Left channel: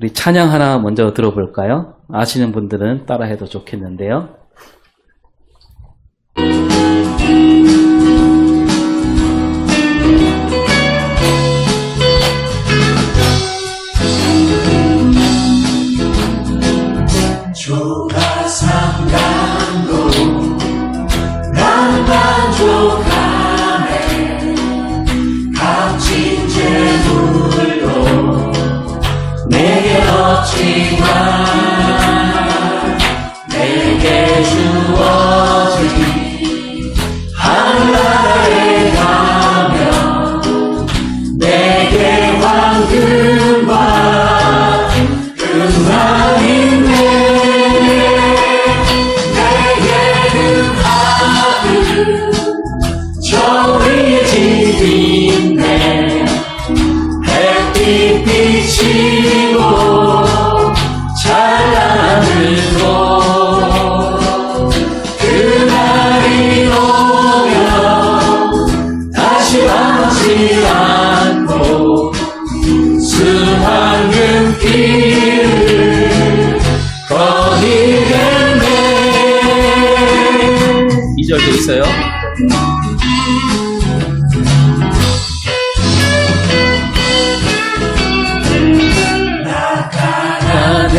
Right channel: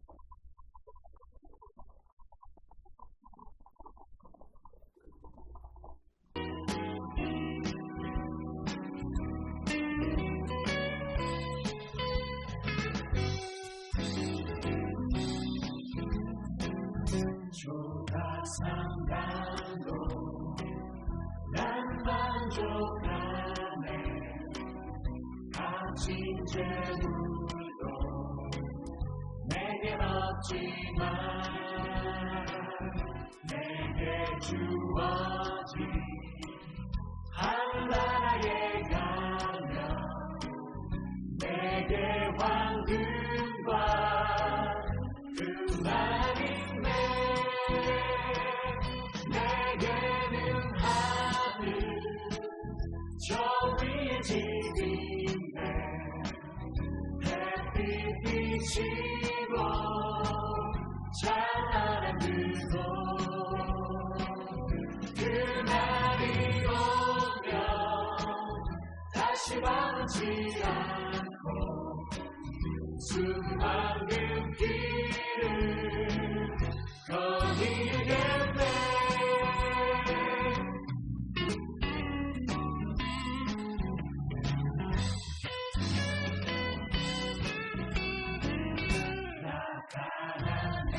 우리 찬양 하나 먼저 들어볼까요? 아시는 분들은 따라해도 좋겠는데요. 조가 삼간도 난 만족하네. 값진 재물도 내게 없지만 내게 주어진 한나라에 가면 내게 황금과 금만인데 내게는 하늘 저 위에 집이 있네. 햇빛 비치고 찬란하고 그날이 오면 다시 와지 않고 수많은 길을 거닐겠네. 2절도 있어요.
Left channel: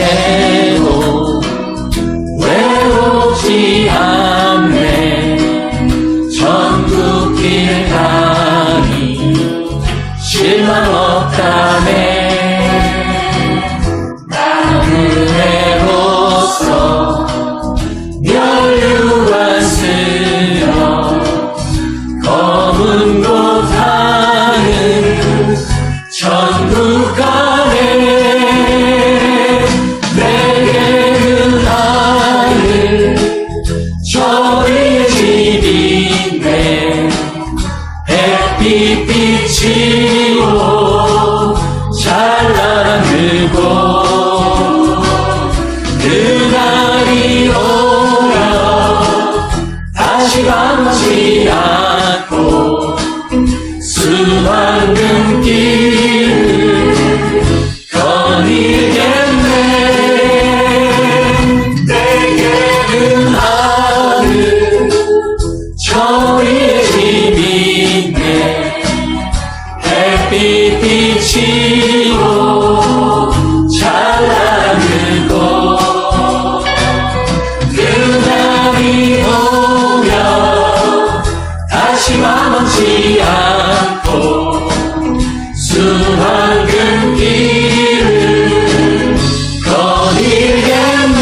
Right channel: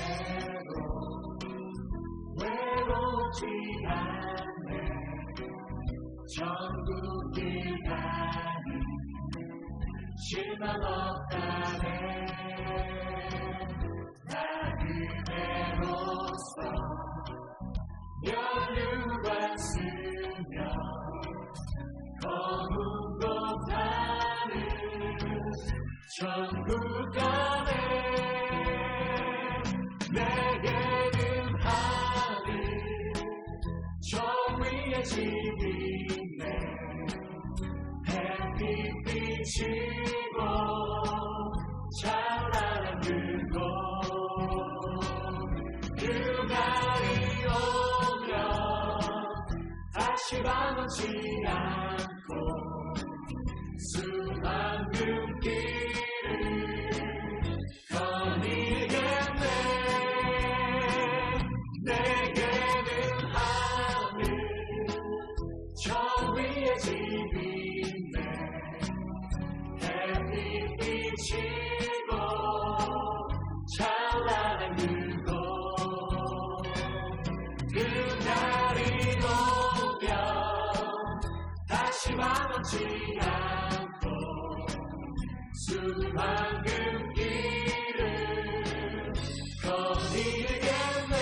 나가내도 외롭지 않네. 전국길 가니 실망 없다네. 나무새로서 멸류관 쓰며 검은 곳 하는 천국 가네. 내게는 하늘 저 위에 집이 있네. 햇빛 비치고 찬란한 그곳 그날이 오면 다시 가지 않고 수많은 길을 거닐겠네. 내게는 하늘 저 위에 집이 있네. 햇빛 비치고 찬란한 그곳 그날이 오면 다시 맘먹지 않고 수많은 길을 거닐겠네.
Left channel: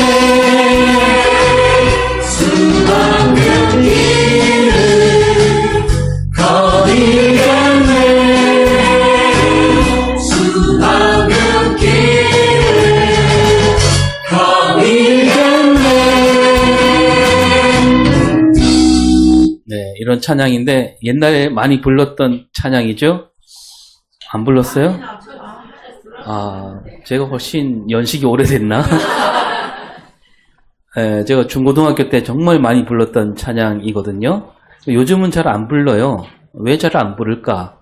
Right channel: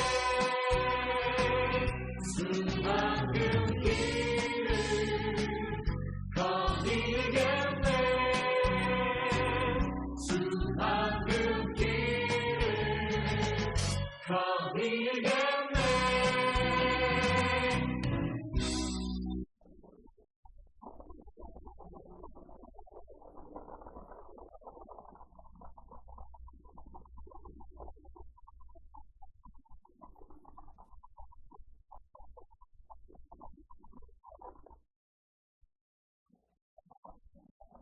수많은 길을 거닐겠네. 수많은 길을 거닐겠네. 네, 이런 찬양인데 옛날에 많이 불렀던 찬양이죠? 안 불렀어요? 아, 제가 훨씬 연식이 오래됐나? 네, 제가 중고등학교 때 정말 많이 불렀던 찬양이거든요. 요즘은 잘 안 불러요. 왜 잘 안 부를까?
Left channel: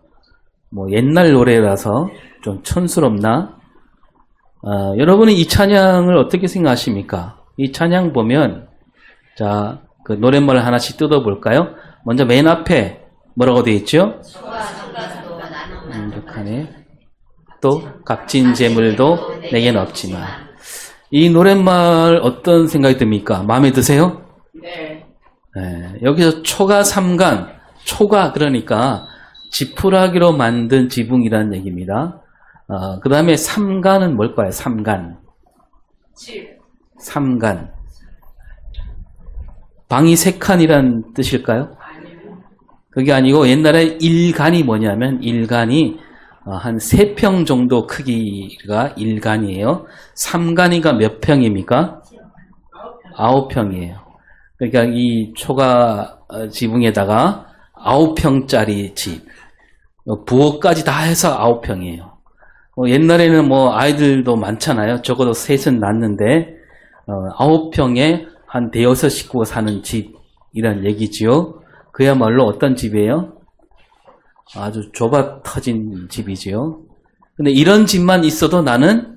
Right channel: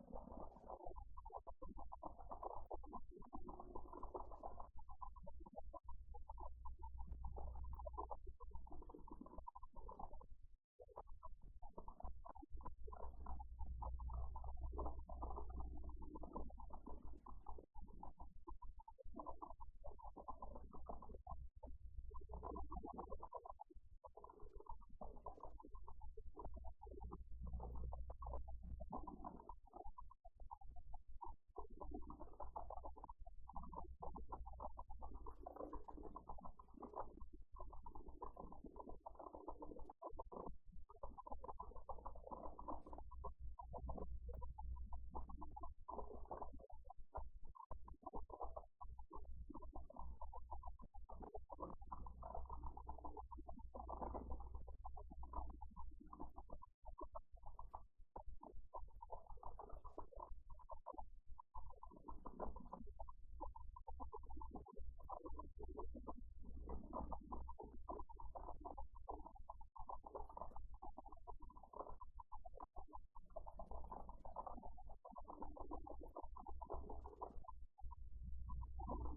뭐 옛날 노래라서 좀 촌스럽나? 여러분은 이 찬양을 어떻게 생각하십니까? 이 찬양 보면 자, 그 노랫말을 하나씩 뜯어볼까요? 먼저 맨 앞에 뭐라고 되어 있죠? 만족하네. 또 값진 재물도 내겐 없지만. 이 노랫말 어떤 생각이 듭니까? 마음에 드세요? 네. 네, 여기서 초가 삼간, 초가 그러니까 지푸라기로 만든 지붕이라는 얘기입니다. 그 다음에 삼간은 뭘까요? 삼간. 칠. 삼간. 방이 세 칸이란 뜻일까요? 그게 아니고 옛날에 일간이 뭐냐면 일간이 한 3평 정도 크기가 일간이에요. 삼간이가 몇 평입니까? 9평이에요. 그러니까 이 초가 지붕에다가 9평짜리 집, 부엌까지 다 해서 9평이에요. 옛날에는 뭐 아이들도 많잖아요. 적어도 셋은 낳는데 9평에 한 대여섯 식구가 사는 집이란 얘기지요. 그야말로 어떤 집이에요? 아주 좁아 터진 집이지요. 근데 이런 집만 있어도 나는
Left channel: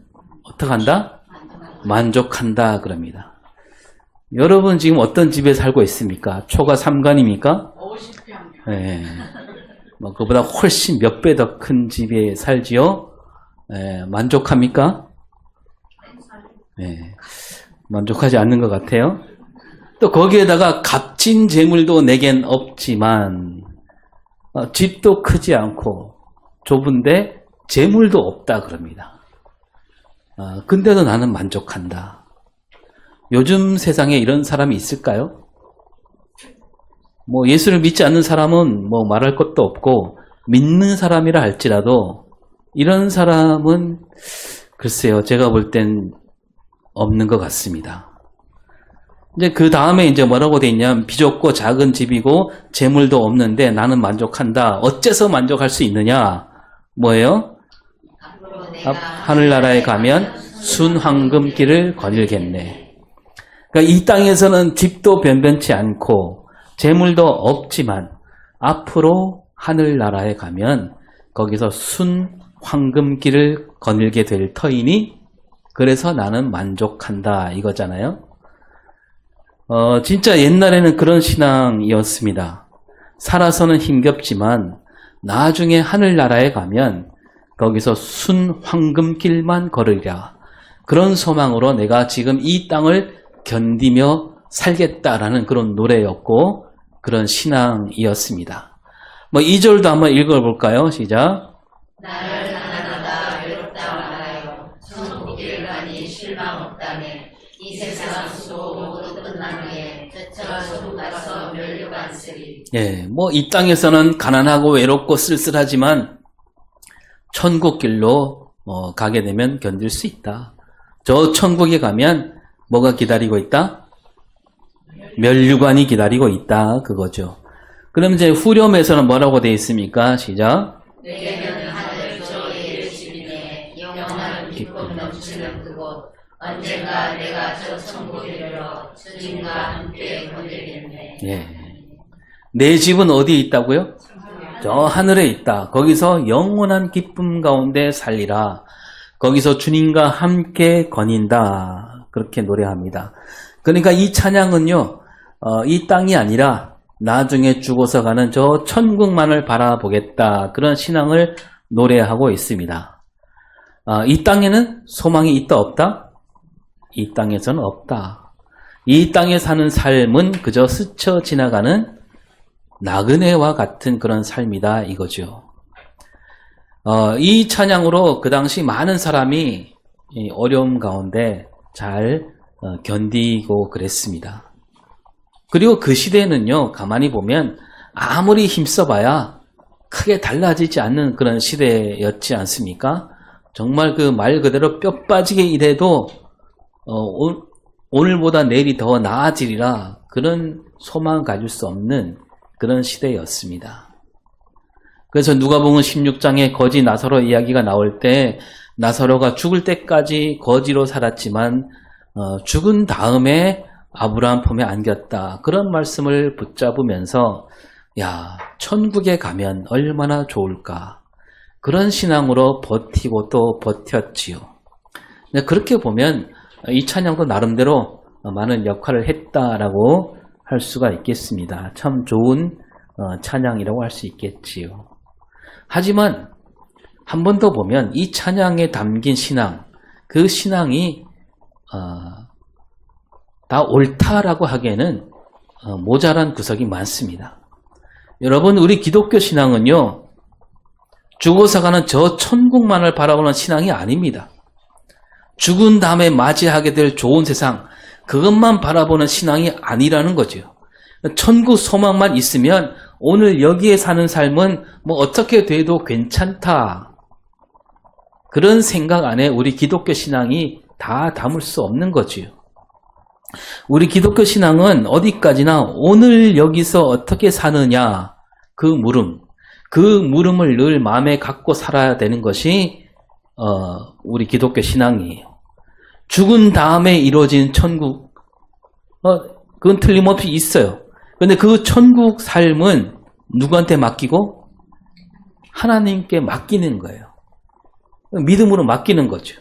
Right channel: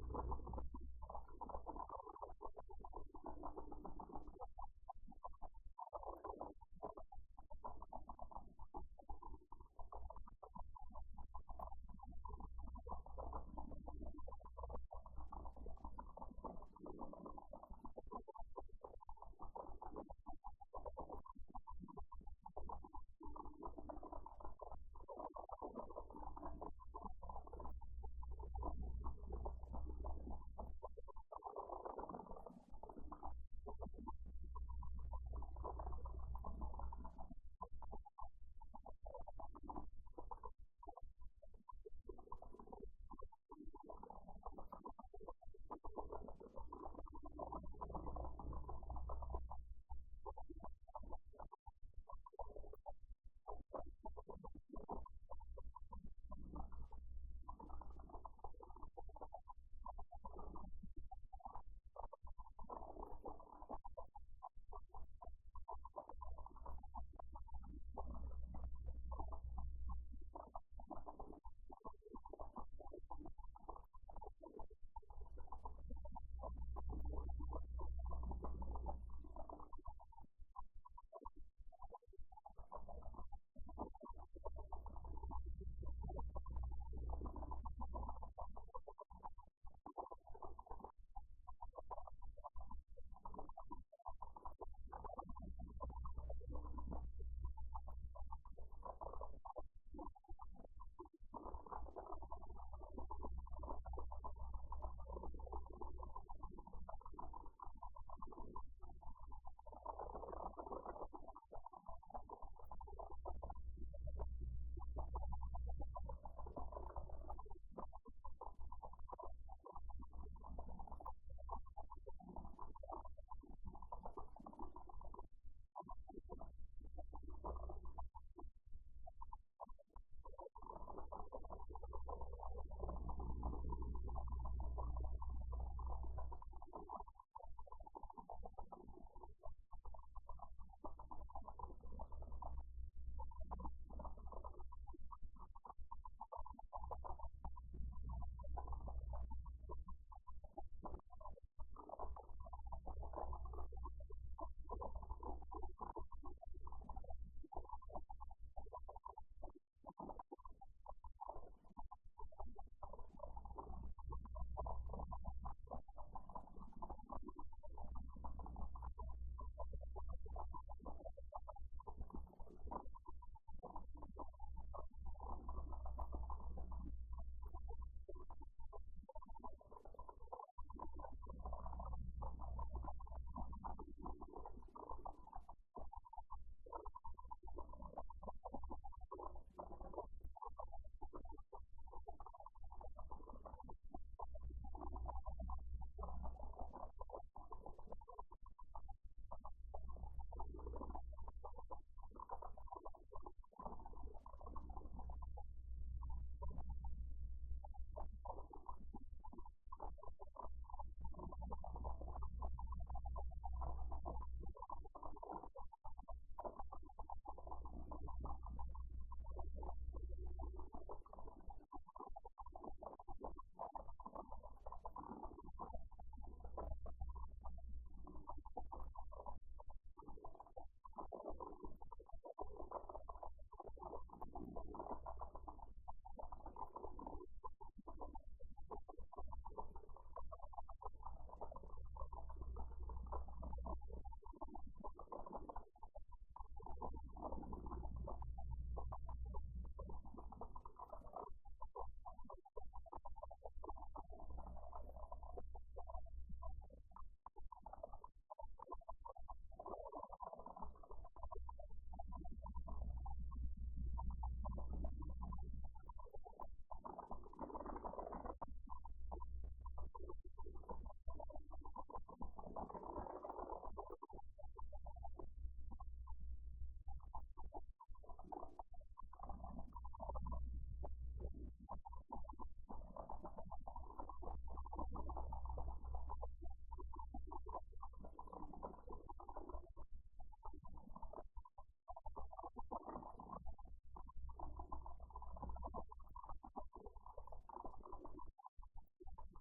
어떻게 한다? 만족한다 그럽니다. 여러분 지금 어떤 집에 살고 있습니까? 초가 3간입니까? 50평. 예. 뭐 그보다 훨씬 몇 배 더 큰 집에 살지요? 예, 만족합니까? 예, 만족하지 않는 것 같아요. 또 거기에다가 값진 재물도 내겐 없지만 집도 크지 않고 좁은데 재물도 없다 그럽니다. 근데도 나는 만족한다. 요즘 세상에 이런 사람이 있을까요? 뭐 예수를 믿지 않는 사람은 뭐 말할 것도 없고 믿는 사람이라 할지라도 이런 사람은 글쎄요, 제가 볼 땐 없는 것 같습니다. 이제 그 다음에 이제 뭐라고 돼 있냐면 비좁고 작은 집이고 재물도 없는데 나는 만족한다. 어째서 만족할 수 있느냐? 뭐예요? 하늘나라에 가면 순황금길을 거닐겠네. 그러니까 이 땅에서는 집도 변변치 않고 재물도 없지만 앞으로 하늘나라에 가면 거기서 순황금길을 거닐게 될 터이니 그래서 나는 만족한다 이거잖아요. 진짜 옛날에는 그런 신앙이었습니다. 살아서는 힘겹지만 나중에 하늘나라에 가면 거기서 순황금길만 걸으리라. 그런 소망으로 내가 지금 이 땅을 견디며 살겠다라는 그런 노래였고 그런 신앙이었습니다. 뭐 2절도 한번 읽어볼까요? 시작. 나를 가난하다 외롭다 말하여 천국길 가니 실망 없다네. 이 세상 수고 모두 끝난 후에 저처 천국 가서 멸류관 쓰리. 예, 뭐 이 땅에서는 가난하고 외롭고 쓸쓸하지만 천국길로 가게 되면 견딜 수 있다. 저 천국에 가면 뭐가 기다리고 있다? 멸류관이 기다리고 있다. 그거죠. 그럼 이제 후렴에서는 뭐라고 되어 있습니까? 시작. 내게는 하늘 저의 집이네. 영원한 기쁨 넘치는 그곳. 언젠가 내가 저 천국에 이르러 주님과 함께 거닐겠네. 예. 내 집은 어디에 있다고요? 저 하늘에 있다. 거기서 영원한 기쁨 가운데 살리라. 거기서 주님과 함께 거닌다. 그렇게 노래합니다. 그러니까 이 찬양은요, 이 땅이 아니라 나중에 죽어서 가는 저 천국만을 바라보겠다. 그런 신앙을 노래하고 있습니다. 이 땅에는 소망이 있다 없다? 이 땅에서는 없다. 이 땅에 사는 삶은 그저 스쳐 지나가는 나그네와 같은 그런 삶이다 이거죠. 이 찬양으로 그 당시 많은 사람이 이 어려움 가운데 잘 견디고 그랬습니다. 그리고 그 시대는요, 가만히 보면 아무리 힘써봐야 크게 달라지지 않는 그런 시대였지 않습니까? 정말 그 말 그대로 뼈 빠지게 일해도 오늘보다 내일이 더 나아지리라 그런 소망을 가질 수 없는 그런 시대였습니다. 그래서 누가복음 16장에 거지 나사로 이야기가 나올 때 나사로가 죽을 때까지 거지로 살았지만 죽은 다음에 아브라함 품에 안겼다. 그런 말씀을 붙잡으면서 야, 천국에 가면 얼마나 좋을까. 그런 신앙으로 버티고 또 버텼지요. 그렇게 보면 이 찬양도 나름대로 많은 역할을 했다라고 할 수가 있겠습니다. 참 좋은 찬양이라고 할 수 있겠지요. 하지만 한 번 더 보면 이 찬양에 담긴 신앙, 그 신앙이 다 옳다라고 하기에는 모자란 구석이 많습니다. 여러분, 우리 기독교 신앙은요, 죽어서 가는 저 천국만을 바라보는 신앙이 아닙니다. 죽은 다음에 맞이하게 될 좋은 세상, 그것만 바라보는 신앙이 아니라는 거죠. 천국 소망만 있으면 오늘 여기에 사는 삶은 뭐 어떻게 돼도 괜찮다. 그런 생각 안에 우리 기독교 신앙이 다 담을 수 없는 거지요. 우리 기독교 신앙은 어디까지나 오늘 여기서 어떻게 사느냐, 그 물음을 늘 마음에 갖고 살아야 되는 것이 우리 기독교 신앙이에요. 죽은 다음에 이루어진 천국, 그건 틀림없이 있어요. 그런데 그 천국 삶은 누구한테 맡기고? 하나님께 맡기는 거예요. 믿음으로 맡기는 거죠.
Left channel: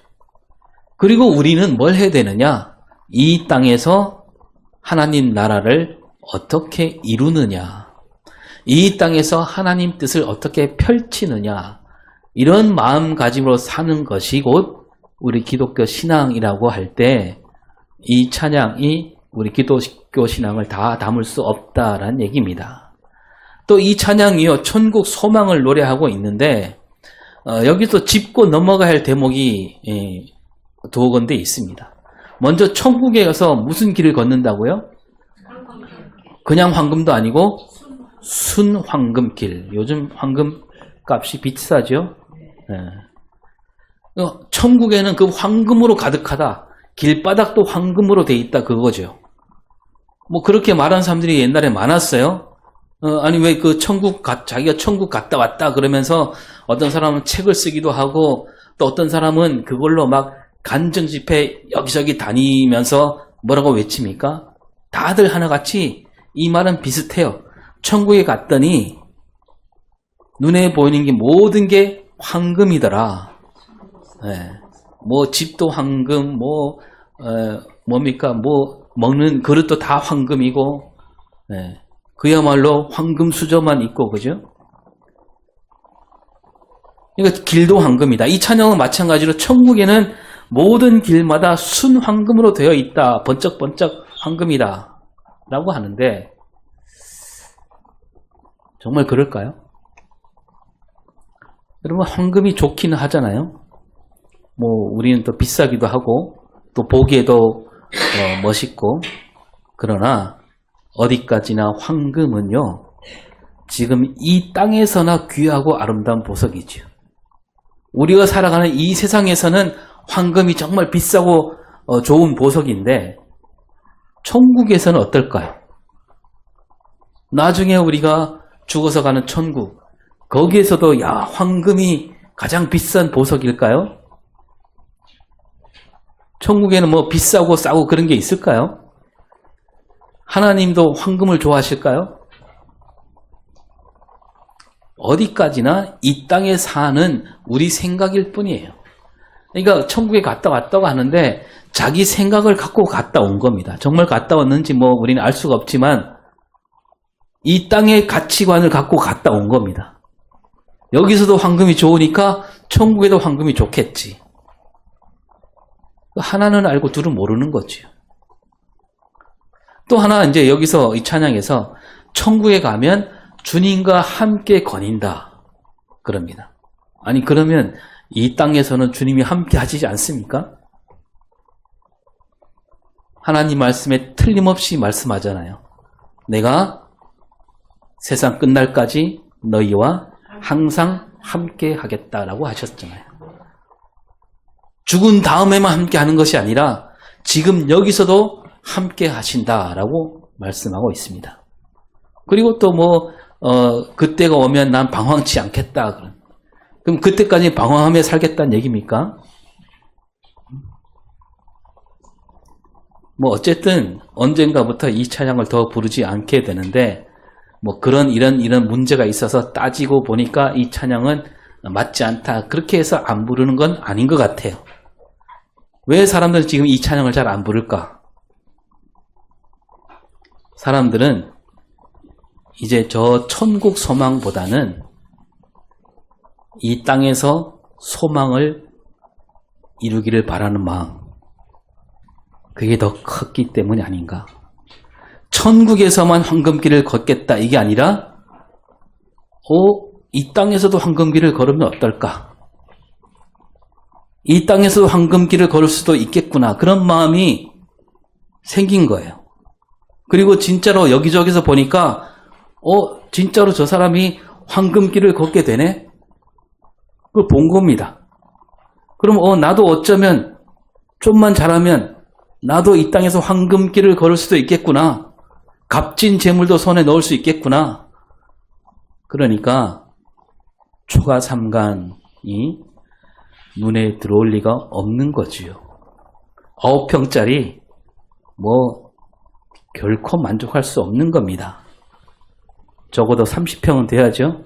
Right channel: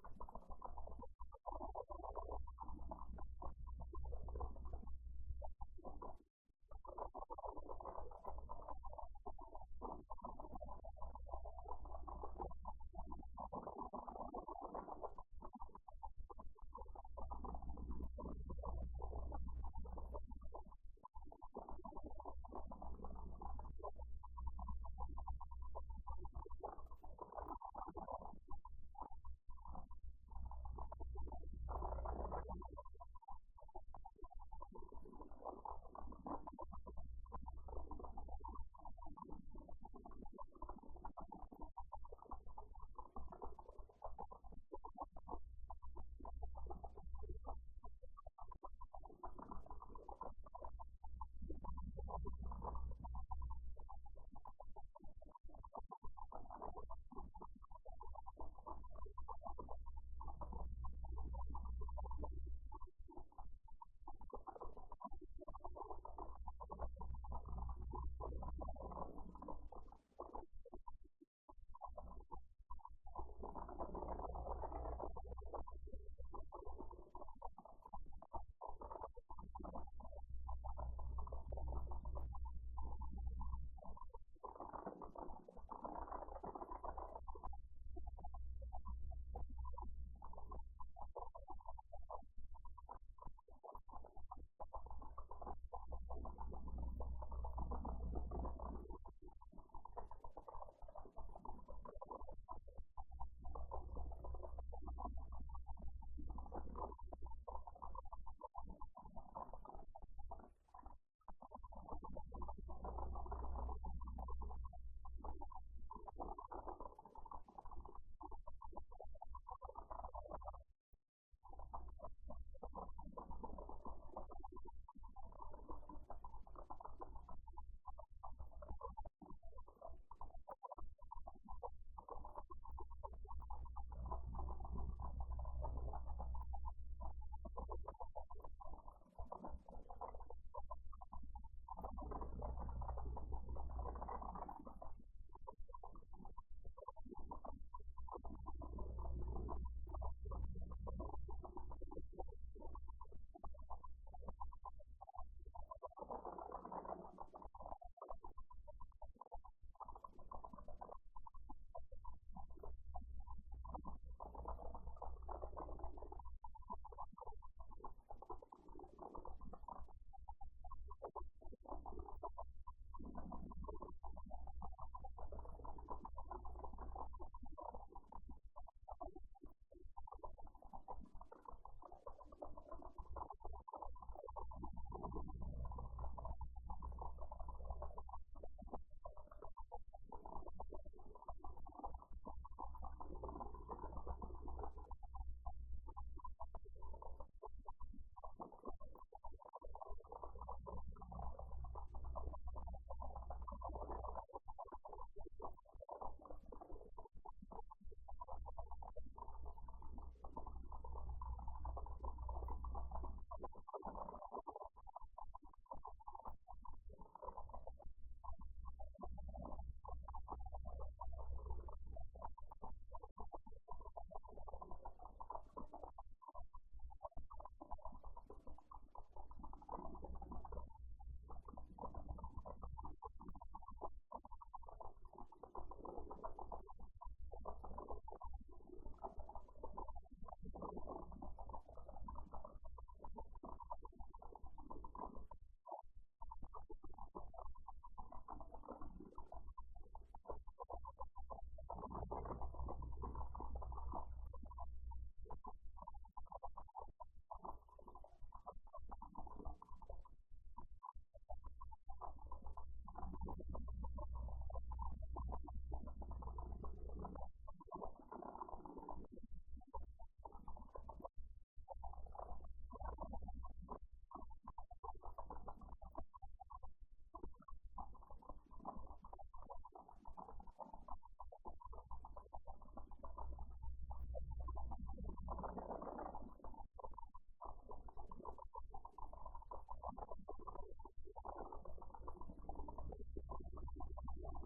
그리고 우리는 뭘 해야 되느냐? 이 땅에서 하나님 나라를 어떻게 이루느냐? 이 땅에서 하나님 뜻을 어떻게 펼치느냐? 이런 마음가짐으로 사는 것이 곧 우리 기독교 신앙이라고 할 때 이 찬양이 우리 기독교 신앙을 다 담을 수 없다라는 얘기입니다. 또 이 찬양이요, 천국 소망을 노래하고 있는데 여기서 짚고 넘어가야 할 대목이 두 군데 있습니다. 먼저 천국에 가서 무슨 길을 걷는다고요? 그냥 황금도 아니고 순황금길. 요즘 황금 값이 비싸죠? 네. 천국에는 그 황금으로 가득하다. 길바닥도 황금으로 돼 있다 그거죠. 뭐 그렇게 말하는 사람들이 옛날에 많았어요. 아니 왜 그 자기가 천국 갔다 왔다 그러면서 어떤 사람은 책을 쓰기도 하고 또 어떤 사람은 그걸로 막 간증 집회 여기저기 다니면서 뭐라고 외칩니까? 다들 하나같이 이 말은 비슷해요. 천국에 갔더니 눈에 보이는 게 모든 게 황금이더라. 네. 뭐 집도 황금, 뭡니까? 뭐 먹는 그릇도 다 황금이고, 네. 그야말로 황금 수저만 있고, 그죠? 그러니까 길도 황금이다. 이 찬양은 마찬가지로 천국에는 모든 길마다 순황금으로 되어 있다. 번쩍번쩍 황금이다. 라고 하는데 정말 그럴까요? 여러분 황금이 좋기는 하잖아요. 뭐 우리는 또 비싸기도 하고 또 보기에도 멋있고 그러나 어디까지나 황금은요 지금 이 땅에서나 귀하고 아름다운 보석이죠. 우리가 살아가는 이 세상에서는 황금이 정말 비싸고 좋은 보석인데 천국에서는 어떨까요? 나중에 우리가 죽어서 가는 천국 거기에서도 야 황금이 가장 비싼 보석일까요? 천국에는 뭐 비싸고 싸고 그런 게 있을까요? 하나님도 황금을 좋아하실까요? 어디까지나 이 땅에 사는 우리 생각일 뿐이에요. 그러니까 천국에 갔다 왔다고 하는데 자기 생각을 갖고 갔다 온 겁니다. 정말 갔다 왔는지 뭐 우리는 알 수가 없지만 이 땅의 가치관을 갖고 갔다 온 겁니다. 여기서도 황금이 좋으니까 천국에도 황금이 좋겠지. 하나는 알고 둘은 모르는 거죠. 또 하나 이제 여기서 이 찬양에서 천국에 가면 주님과 함께 거닌다 그럽니다. 아니 그러면 이 땅에서는 주님이 함께 하시지 않습니까? 하나님 말씀에 틀림없이 말씀하잖아요. 내가 세상 끝날까지 너희와 항상 함께 하겠다라고 하셨잖아요. 죽은 다음에만 함께 하는 것이 아니라 지금 여기서도 함께 하신다라고 말씀하고 있습니다. 그리고 또 뭐 그때가 오면 난 방황치 않겠다. 그럼 그때까지 방황하며 살겠다는 얘기입니까? 뭐 어쨌든 언젠가부터 이 찬양을 더 부르지 않게 되는데 뭐 이런 문제가 있어서 따지고 보니까 이 찬양은 맞지 않다. 그렇게 해서 안 부르는 건 아닌 것 같아요. 왜 사람들은 지금 이 찬양을 잘 안 부를까? 사람들은 이제 저 천국 소망보다는 이 땅에서 소망을 이루기를 바라는 마음, 그게 더 컸기 때문이 아닌가. 천국에서만 황금길을 걷겠다 이게 아니라 이 땅에서도 황금길을 걸으면 어떨까? 이 땅에서도 황금길을 걸을 수도 있겠구나. 그런 마음이 생긴 거예요. 그리고 진짜로 여기저기서 보니까 진짜로 저 사람이 황금길을 걷게 되네? 그걸 본 겁니다. 그럼 나도 어쩌면 좀만 잘하면 나도 이 땅에서 황금길을 걸을 수도 있겠구나. 값진 재물도 손에 넣을 수 있겠구나. 그러니까 초가 삼간이 눈에 들어올 리가 없는 거지요. 9평짜리 뭐 결코 만족할 수 없는 겁니다. 적어도 30평은 돼야죠.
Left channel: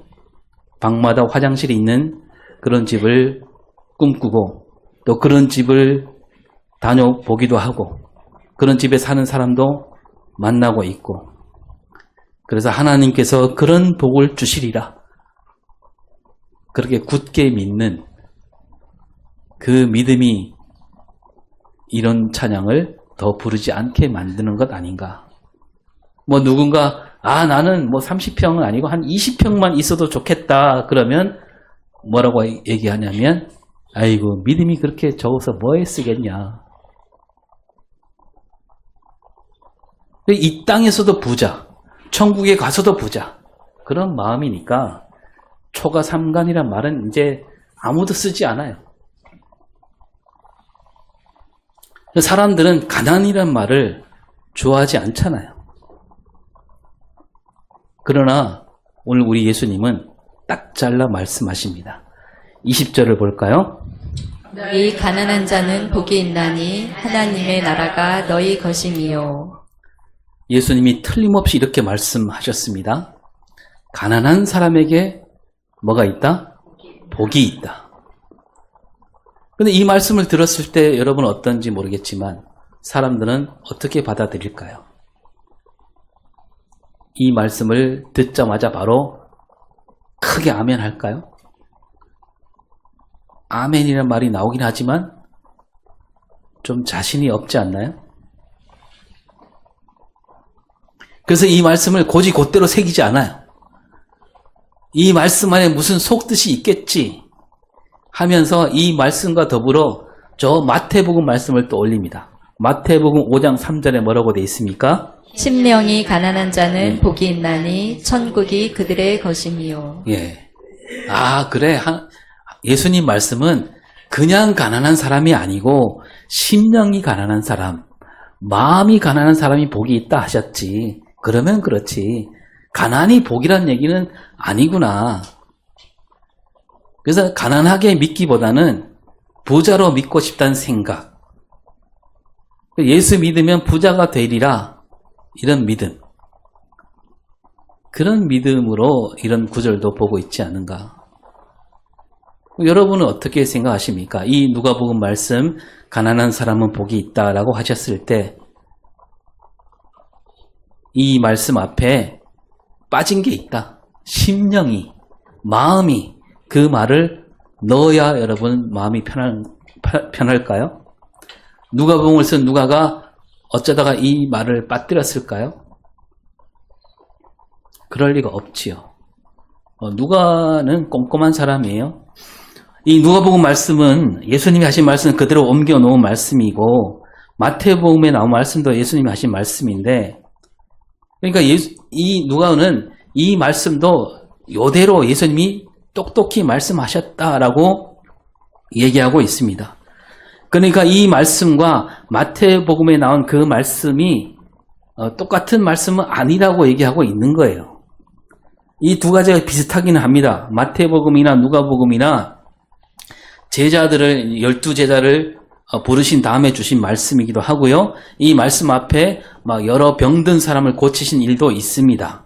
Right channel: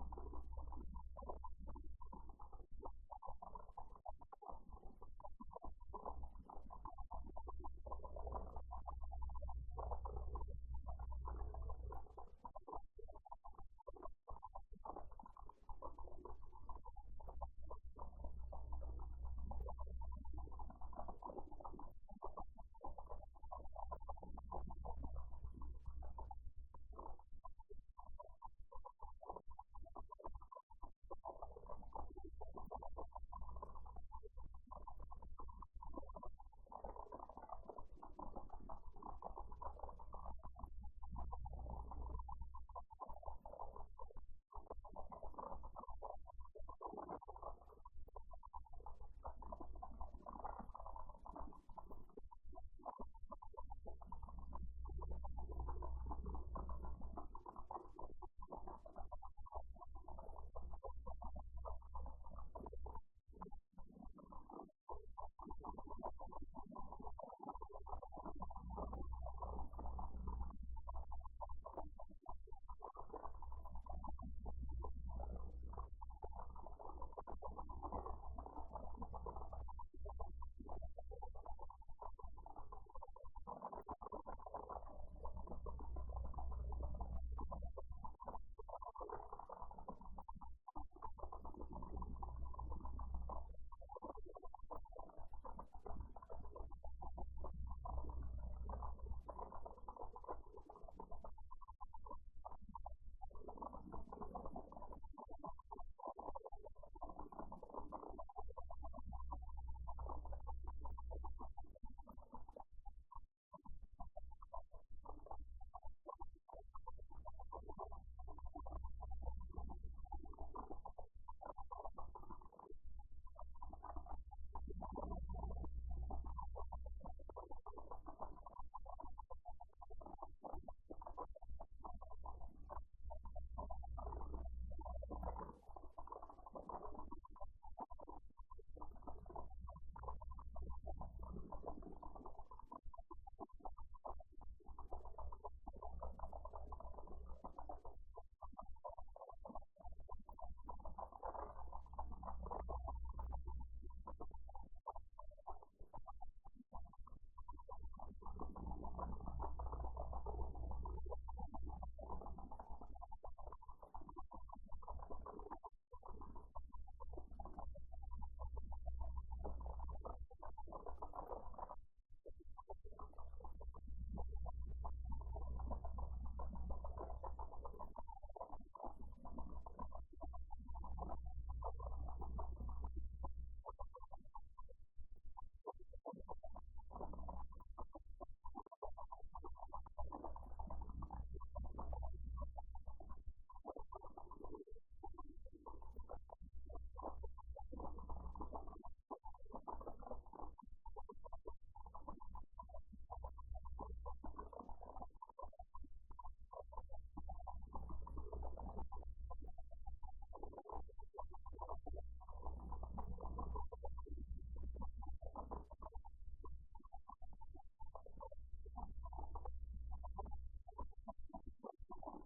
방마다 화장실이 있는 그런 집을 꿈꾸고 또 그런 집을 다녀보기도 하고 그런 집에 사는 사람도 만나고 있고 그래서 하나님께서 그런 복을 주시리라 그렇게 굳게 믿는 그 믿음이 이런 찬양을 더 부르지 않게 만드는 것 아닌가. 뭐 누군가 나는 뭐 30평은 아니고 한 20평만 있어도 좋겠다 그러면 뭐라고 얘기하냐면 아이고 믿음이 그렇게 적어서 뭐에 쓰겠냐. 이 땅에서도 부자, 천국에 가서도 부자 그런 마음이니까 초가 삼간이란 말은 이제 아무도 쓰지 않아요. 사람들은 가난이란 말을 좋아하지 않잖아요. 그러나 오늘 우리 예수님은 딱 잘라 말씀하십니다. 20절을 볼까요? 이 가난한 자는 복이 있나니 하나님의 나라가 너희 것임이요. 예수님이 틀림없이 이렇게 말씀하셨습니다. 가난한 사람에게 뭐가 있다? 복이 있다. 근데 이 말씀을 들었을 때 여러분 어떤지 모르겠지만 사람들은 어떻게 받아들일까요? 이 말씀을 듣자마자 바로 크게 아멘 할까요? 아멘이라는 말이 나오긴 하지만 좀 자신이 없지 않나요? 그래서 이 말씀을 곧이곧대로 새기지 않아요. 이 말씀 안에 무슨 속뜻이 있겠지 하면서 이 말씀과 더불어 저 마태복음 말씀을 또 올립니다. 마태복음 5장 3절에 뭐라고 되어 있습니까? 심령이 가난한 자는 복이 있나니 천국이 그들의 것임이요. 예. 그래. 예수님 말씀은 그냥 가난한 사람이 아니고 심령이 가난한 사람, 마음이 가난한 사람이 복이 있다 하셨지. 그러면 그렇지. 가난이 복이란 얘기는 아니구나. 그래서 가난하게 믿기보다는 부자로 믿고 싶다는 생각. 예수 믿으면 부자가 되리라. 이런 믿음. 그런 믿음으로 이런 구절도 보고 있지 않은가. 여러분은 어떻게 생각하십니까? 이 누가복음 말씀 가난한 사람은 복이 있다라고 하셨을 때 이 말씀 앞에 빠진 게 있다. 심령이, 마음이 그 말을 넣어야 여러분 마음이 편할까요? 누가복음을 쓴 누가가 어쩌다가 이 말을 빠뜨렸을까요? 그럴 리가 없지요. 누가는 꼼꼼한 사람이에요. 이 누가복음 말씀은 예수님이 하신 말씀은 그대로 옮겨 놓은 말씀이고 마태복음에 나온 말씀도 예수님이 하신 말씀인데 그러니까 이 누가는 이 말씀도 이대로 예수님이 똑똑히 말씀하셨다라고 얘기하고 있습니다. 그러니까 이 말씀과 마태복음에 나온 그 말씀이 똑같은 말씀은 아니라고 얘기하고 있는 거예요. 이 두 가지가 비슷하기는 합니다. 마태복음이나 누가복음이나 제자들을 12제자를 부르신 다음에 주신 말씀이기도 하고요. 이 말씀 앞에 막 여러 병든 사람을 고치신 일도 있습니다.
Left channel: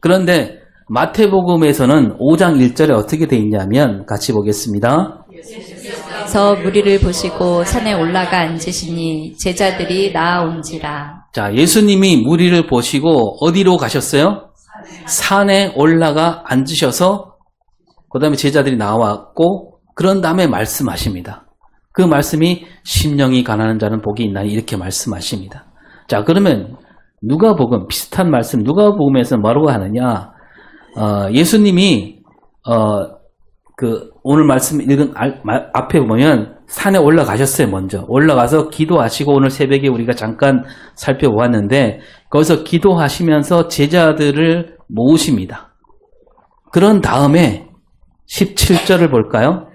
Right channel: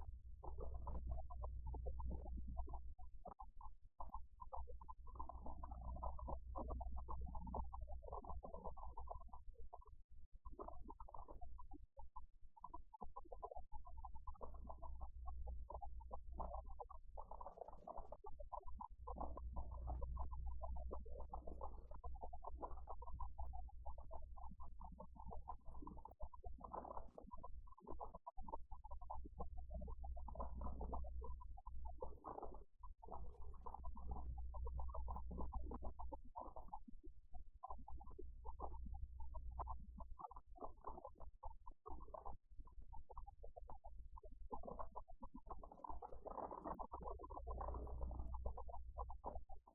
그런데 마태복음에서는 5장 1절에 어떻게 되어 있냐면 같이 보겠습니다. 그래서 무리를 보시고 산에 올라가 앉으시니 제자들이 나아온지라. 자, 예수님이 무리를 보시고 어디로 가셨어요? 산에 올라가 앉으셔서 그 다음에 제자들이 나왔고 그런 다음에 말씀하십니다. 그 말씀이 심령이 가난한 자는 복이 있나니 이렇게 말씀하십니다. 자, 그러면 누가복음 비슷한 말씀 누가복음에서 뭐라고 하느냐? 예수님이 오늘 말씀 읽은 앞에 보면 산에 올라가셨어요. 먼저 올라가서 기도하시고 오늘 새벽에 우리가 잠깐 살펴보았는데 거기서 기도하시면서 제자들을 모으십니다. 그런 다음에 17절을 볼까요?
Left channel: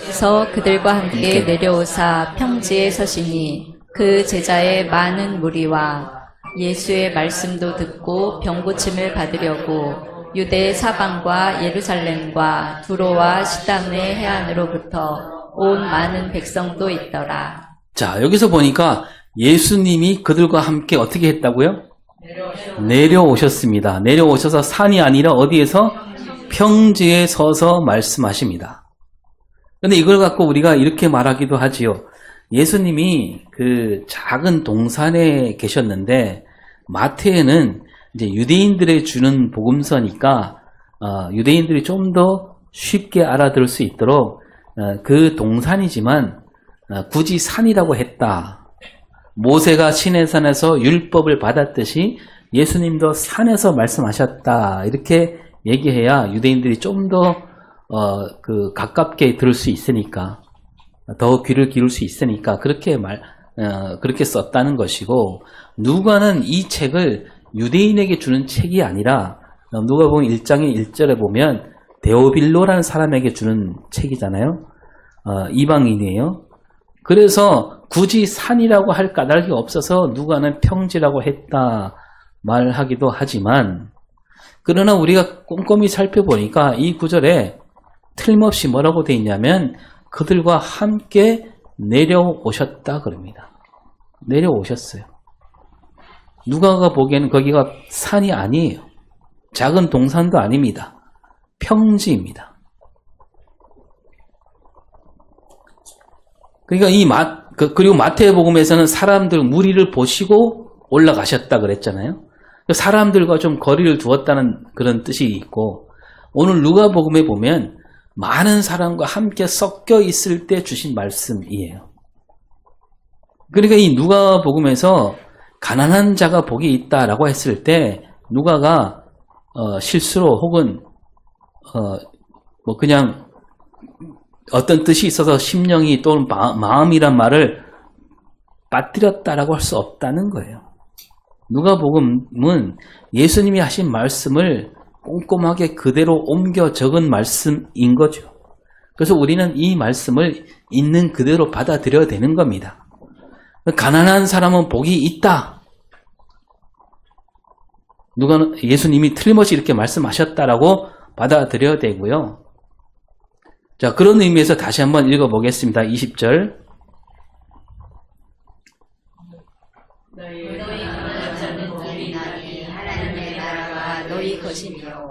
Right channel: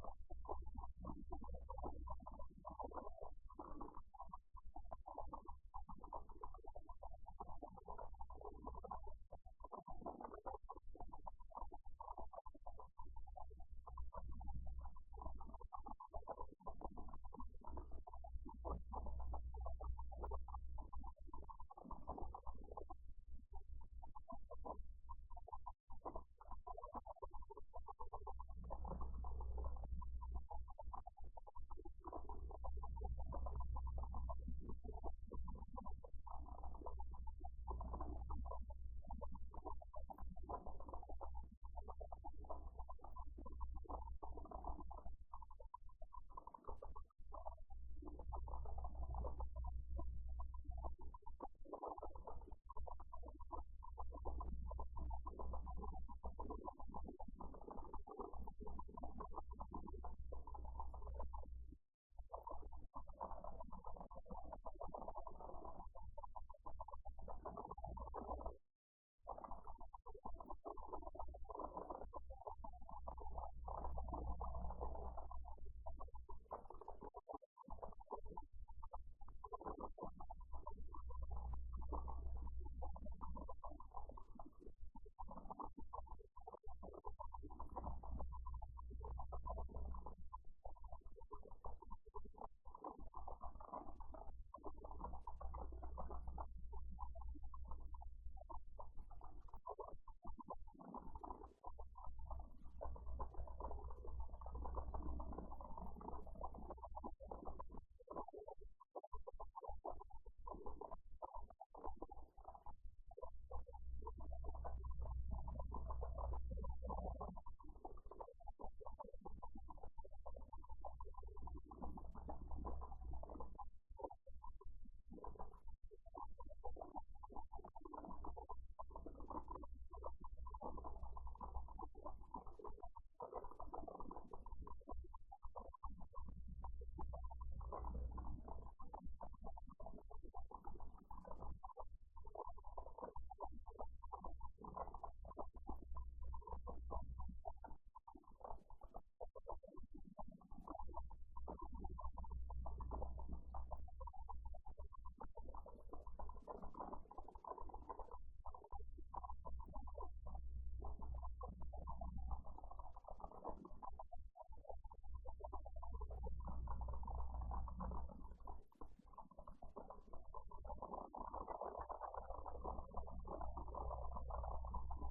그래서 그들과 함께 내려오사 평지에 서시니 그 제자의 많은 무리와 예수의 말씀도 듣고 병고침을 받으려고 유대 사방과 예루살렘과 두로와 시담의 해안으로부터 온 많은 백성도 있더라. 자, 여기서 보니까 예수님이 그들과 함께 어떻게 했다고요? 내려오셨습니다. 내려오셔서 산이 아니라 어디에서? 평지에 서서 말씀하십니다. 근데 이걸 갖고 우리가 이렇게 말하기도 하지요. 예수님이 그 작은 동산에 계셨는데 마태에는 이제 유대인들에 주는 복음서니까 유대인들이 좀 더 쉽게 알아들을 수 있도록 그 동산이지만 굳이 산이라고 했다. 모세가 시내산에서 율법을 받았듯이 예수님도 산에서 말씀하셨다. 이렇게 얘기해야 유대인들이 좀 더 가깝게 들을 수 있으니까, 더 귀를 기울일 수 있으니까 그렇게 썼다는 것이고, 누가는 이 책을 유대인에게 주는 책이 아니라 누가복음 1장의 1절에 보면 데오빌로라는 사람에게 주는 책이잖아요. 이방인이에요. 그래서 굳이 산이라고 할 까닭이 없어서 누가는 평지라고 했다 말하기도 하지만, 그러나 우리가 꼼꼼히 살펴보니까 이 구절에 틀림없이 뭐라고 되어 있냐면 그들과 함께 내려오셨다 그럽니다. 내려오셨어요. 누가가 보기에는 거기가 산이 아니에요. 작은 동산도 아닙니다. 평지입니다. 그러니까 그리고 마태복음에서는 사람들 무리를 보시고 올라가셨다 그랬잖아요. 사람들과 좀 거리를 두었다는 그런 뜻이 있고, 오늘 누가복음에 보면 많은 사람과 함께 섞여 있을 때 주신 말씀이에요. 그러니까 이 누가복음에서 가난한 자가 복이 있다라고 했을 때 누가가 실수로 혹은 그냥 어떤 뜻이 있어서 심령이 또는 마음이란 말을 빠뜨렸다라고 할 수 없다는 거예요. 누가복음은 예수님이 하신 말씀을 꼼꼼하게 그대로 옮겨 적은 말씀인 거죠. 그래서 우리는 이 말씀을 있는 그대로 받아들여야 되는 겁니다. 가난한 사람은 복이 있다. 예수님이 틀림없이 이렇게 말씀하셨다라고 받아들여야 되고요. 자, 그런 의미에서 다시 한번 읽어보겠습니다. 20절.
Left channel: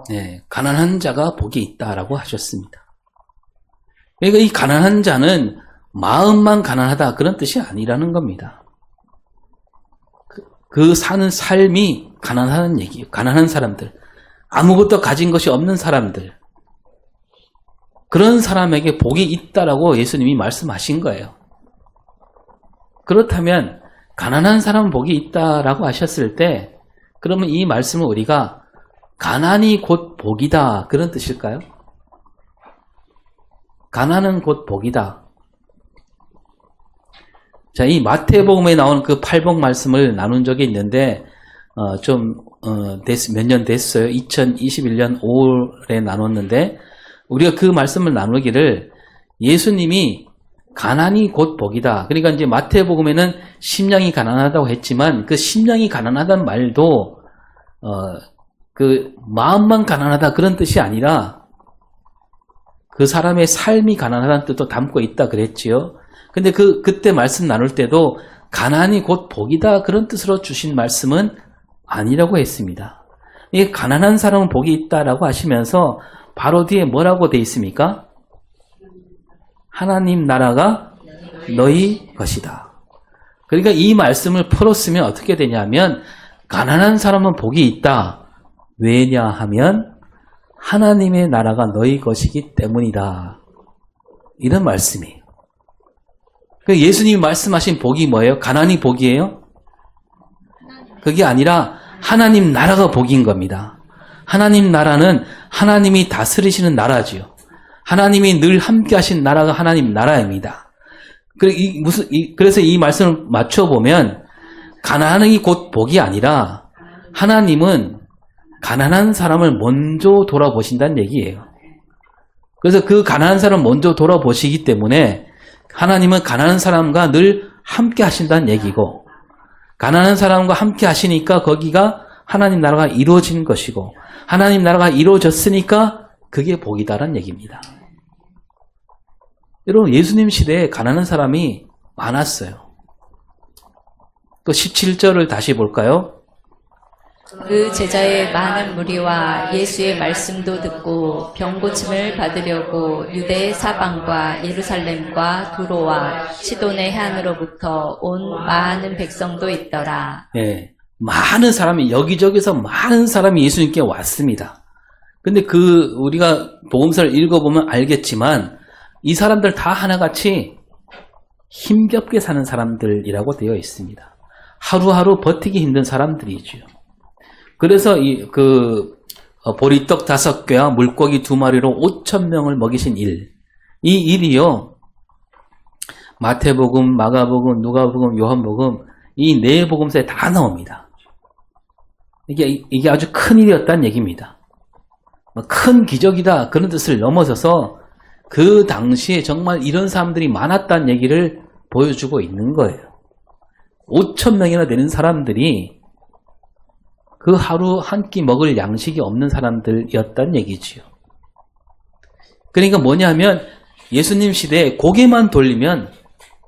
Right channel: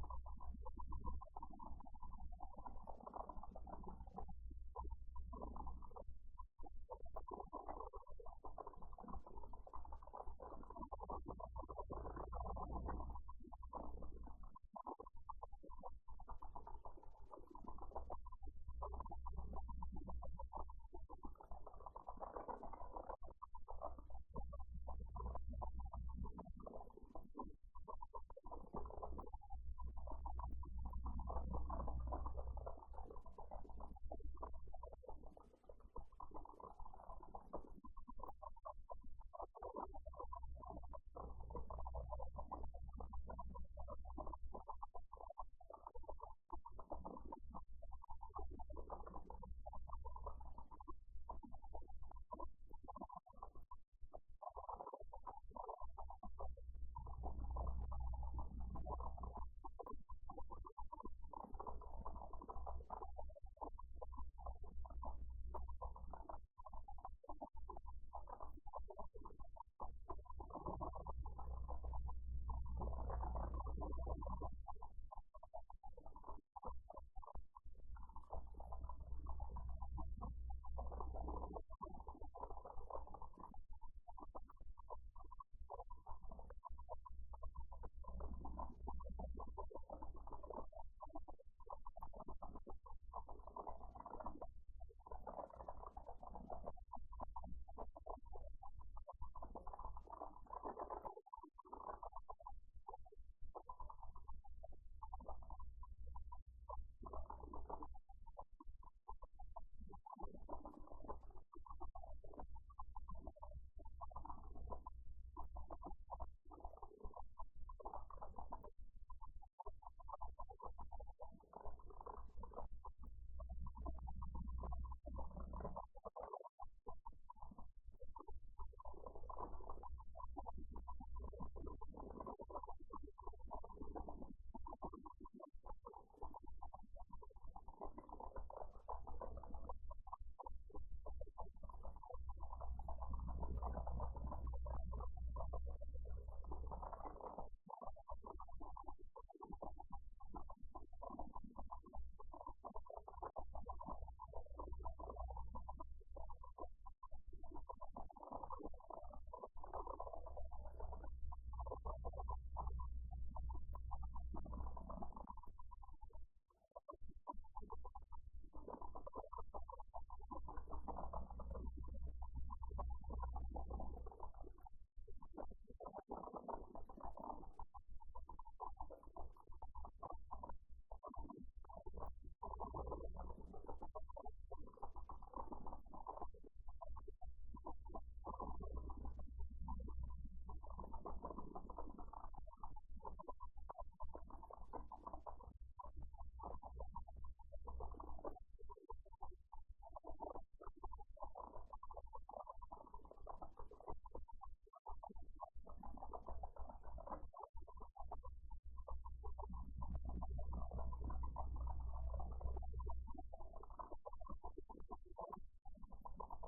네, 가난한 자가 복이 있다라고 하셨습니다. 그러니까 이 가난한 자는 마음만 가난하다 그런 뜻이 아니라는 겁니다. 그 사는 삶이 가난하다는 얘기예요. 가난한 사람들, 아무것도 가진 것이 없는 사람들, 그런 사람에게 복이 있다라고 예수님이 말씀하신 거예요. 그렇다면 가난한 사람은 복이 있다라고 하셨을 때, 그러면 이 말씀은 우리가 가난이 곧 복이다 그런 뜻일까요? 가난은 곧 복이다. 자, 이 마태복음에 나오는 그 팔복 말씀을 나눈 적이 있는데 몇 년 됐어요. 2021년 5월에 나눴는데, 우리가 그 말씀을 나누기를 예수님이 가난이 곧 복이다. 그러니까 이제 마태복음에는 심령이 가난하다고 했지만 그 심령이 가난하다는 말도 그 마음만 가난하다 그런 뜻이 아니라 그 사람의 삶이 가난하다는 뜻도 담고 있다 그랬지요. 근데 그때 말씀 나눌 때도 가난이 곧 복이다 그런 뜻으로 주신 말씀은 아니라고 했습니다. 이 가난한 사람은 복이 있다라고 하시면서 바로 뒤에 뭐라고 돼 있습니까? 하나님 나라가 너희 것이다. 그러니까 이 말씀을 풀었으면 어떻게 되냐면 가난한 사람은 복이 있다. 왜냐하면 하나님의 나라가 너희 것이기 때문이다. 이런 말씀이에요. 예수님이 말씀하신 복이 뭐예요? 가난이 복이에요? 그게 아니라 하나님 나라가 복인 겁니다. 하나님 나라는 하나님이 다스리시는 나라지요. 하나님이 늘 함께 하신 나라가 하나님 나라입니다. 그래서 이 말씀을 맞춰보면 가난이 곧 복이 아니라 하나님은 가난한 사람을 먼저 돌아보신다는 얘기예요. 그래서 그 가난한 사람을 먼저 돌아보시기 때문에 하나님은 가난한 사람과 늘 함께 하신다는 얘기고, 가난한 사람과 함께 하시니까 거기가 하나님 나라가 이루어진 것이고, 하나님 나라가 이루어졌으니까 그게 복이다라는 얘기입니다. 여러분, 예수님 시대에 가난한 사람이 많았어요. 또 17절을 다시 볼까요? 그 제자의 많은 무리와 예수의 말씀도 듣고 병고침을 받으려고 유대 사방과 예루살렘과 두로와 시돈의 해안으로부터 온 많은 백성도 있더라. 예, 많은 사람이 여기저기서 많은 사람이 예수님께 왔습니다. 근데 우리가 복음서를 읽어보면 알겠지만 이 사람들 다 하나같이 힘겹게 사는 사람들이라고 되어 있습니다. 하루하루 버티기 힘든 사람들이죠. 그래서 보리떡 5개와 물고기 2마리로 5,000명을 먹이신 이 일이요. 마태복음, 마가복음, 누가복음, 요한복음 이 네 복음서에 다 나옵니다. 이게 아주 큰 일이었다는 얘기입니다. 큰 기적이다 그런 뜻을 넘어서서 그 당시에 정말 이런 사람들이 많았다는 얘기를 보여주고 있는 거예요. 5,000명이나 되는 사람들이 그 하루 한 끼 먹을 양식이 없는 사람들이었다는 얘기지요. 그러니까 뭐냐면 예수님 시대에 고개만 돌리면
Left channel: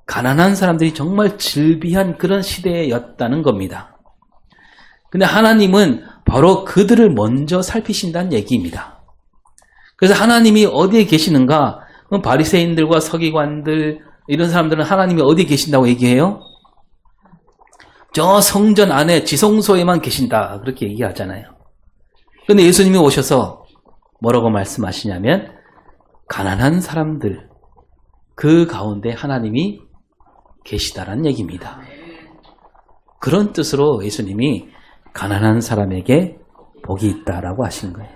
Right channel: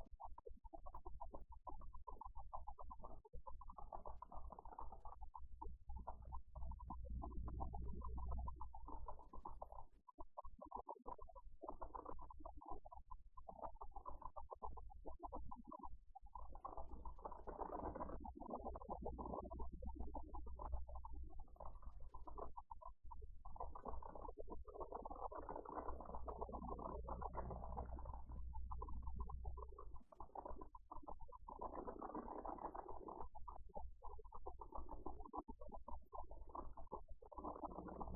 가난한 사람들이 정말 즐비한 그런 시대였다는 겁니다. 근데 하나님은 바로 그들을 먼저 살피신다는 얘기입니다. 그래서 하나님이 어디에 계시는가? 그럼 바리새인들과 서기관들 이런 사람들은 하나님이 어디에 계신다고 얘기해요? 저 성전 안에 지성소에만 계신다 그렇게 얘기하잖아요. 그런데 예수님이 오셔서 뭐라고 말씀하시냐면 가난한 사람들 그 가운데 하나님이 계시다라는 얘기입니다. 그런 뜻으로 예수님이 가난한 사람에게 복이 있다라고 하신 거예요.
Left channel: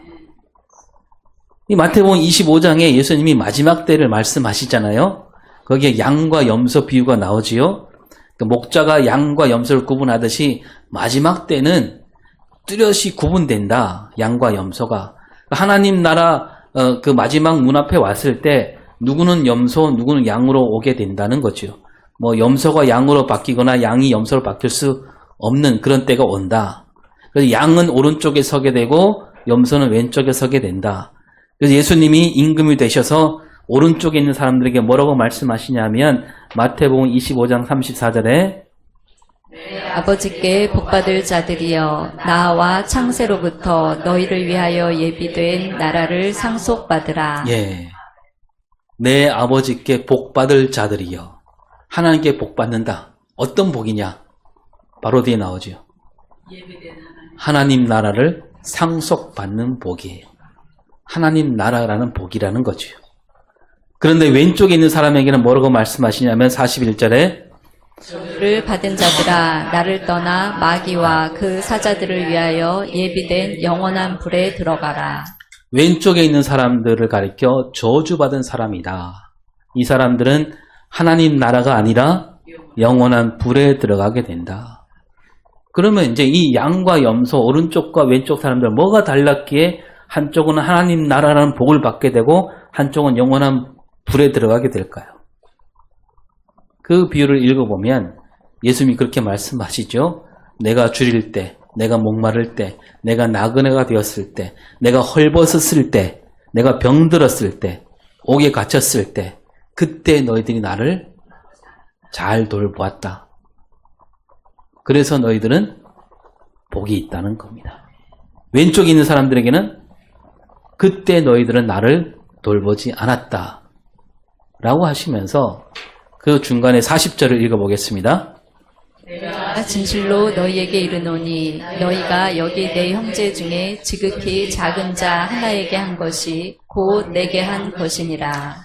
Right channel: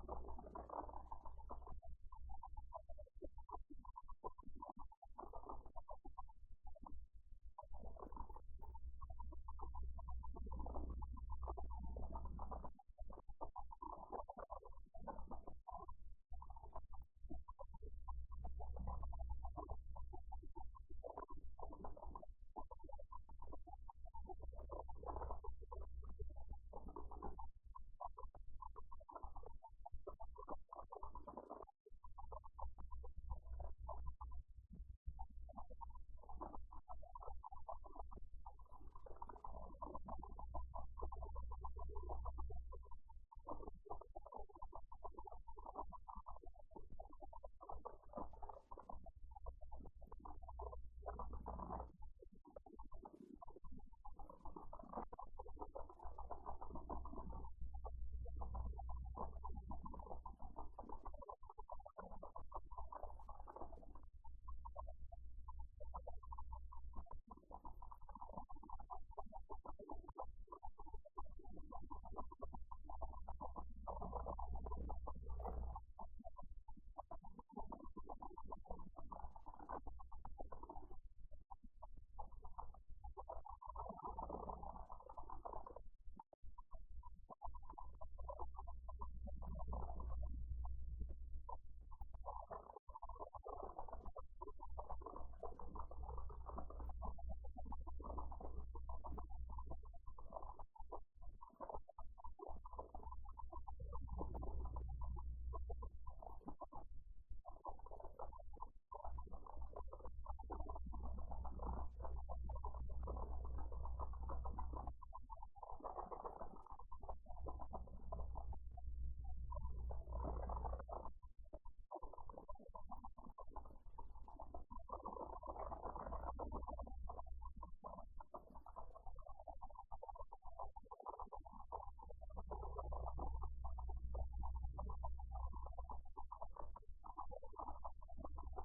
이 마태복음 25장에 예수님이 마지막 때를 말씀하시잖아요. 거기에 양과 염소 비유가 나오지요. 목자가 양과 염소를 구분하듯이 마지막 때는 뚜렷이 구분된다. 양과 염소가. 하나님 나라 그 마지막 문 앞에 왔을 때 누구는 염소, 누구는 양으로 오게 된다는 거죠. 뭐 염소가 양으로 바뀌거나 양이 염소로 바뀔 수 없는 그런 때가 온다. 그래서 양은 오른쪽에 서게 되고 염소는 왼쪽에 서게 된다. 그래서 예수님이 임금이 되셔서 오른쪽에 있는 사람들에게 뭐라고 말씀하시냐면 마태복음 25장 34절에 아버지께 복받을 자들이여 나와 창세로부터 너희를 위하여 예비된 나라를 상속받으라. 예, 내 아버지께 복받을 자들이여. 하나님께 복받는다. 어떤 복이냐? 바로 뒤에 나오죠. 하나님 나라를 상속받는 복이에요. 하나님 나라라는 복이라는 거죠. 그런데 왼쪽에 있는 사람에게는 뭐라고 말씀하시냐면 41절에 를 받은 자들아 나를 떠나 마귀와 그 사자들을 위하여 예비된 영원한 불에 들어가라. 왼쪽에 있는 사람들을 가리켜 저주받은 사람이다. 이 사람들은 하나님 나라가 아니라 영원한 불에 들어가게 된다. 그러면 이제 이 양과 염소 오른쪽과 왼쪽 사람들 뭐가 달랐기에 한쪽은 하나님 나라라는 복을 받게 되고 한쪽은 영원한 불에 들어가게 될까요? 그 비유를 읽어보면 예수님이 그렇게 말씀하시죠. 내가 줄일 때, 내가 목마를 때, 내가 나그네가 되었을 때, 내가 헐벗었을 때, 내가 병들었을 때, 옥에 갇혔을 때 그때 너희들이 나를 잘 돌보았다. 그래서 너희들은 복이 있다는 겁니다. 왼쪽에 있는 사람들에게는 그때 너희들은 나를 돌보지 않았다 라고 하시면서 그 중간에 40절을 읽어보겠습니다. 내가 진실로 너희에게 이르노니 너희가 여기 내 형제 중에 지극히 작은 자 하나에게 한 것이 곧 내게 한 것이니라.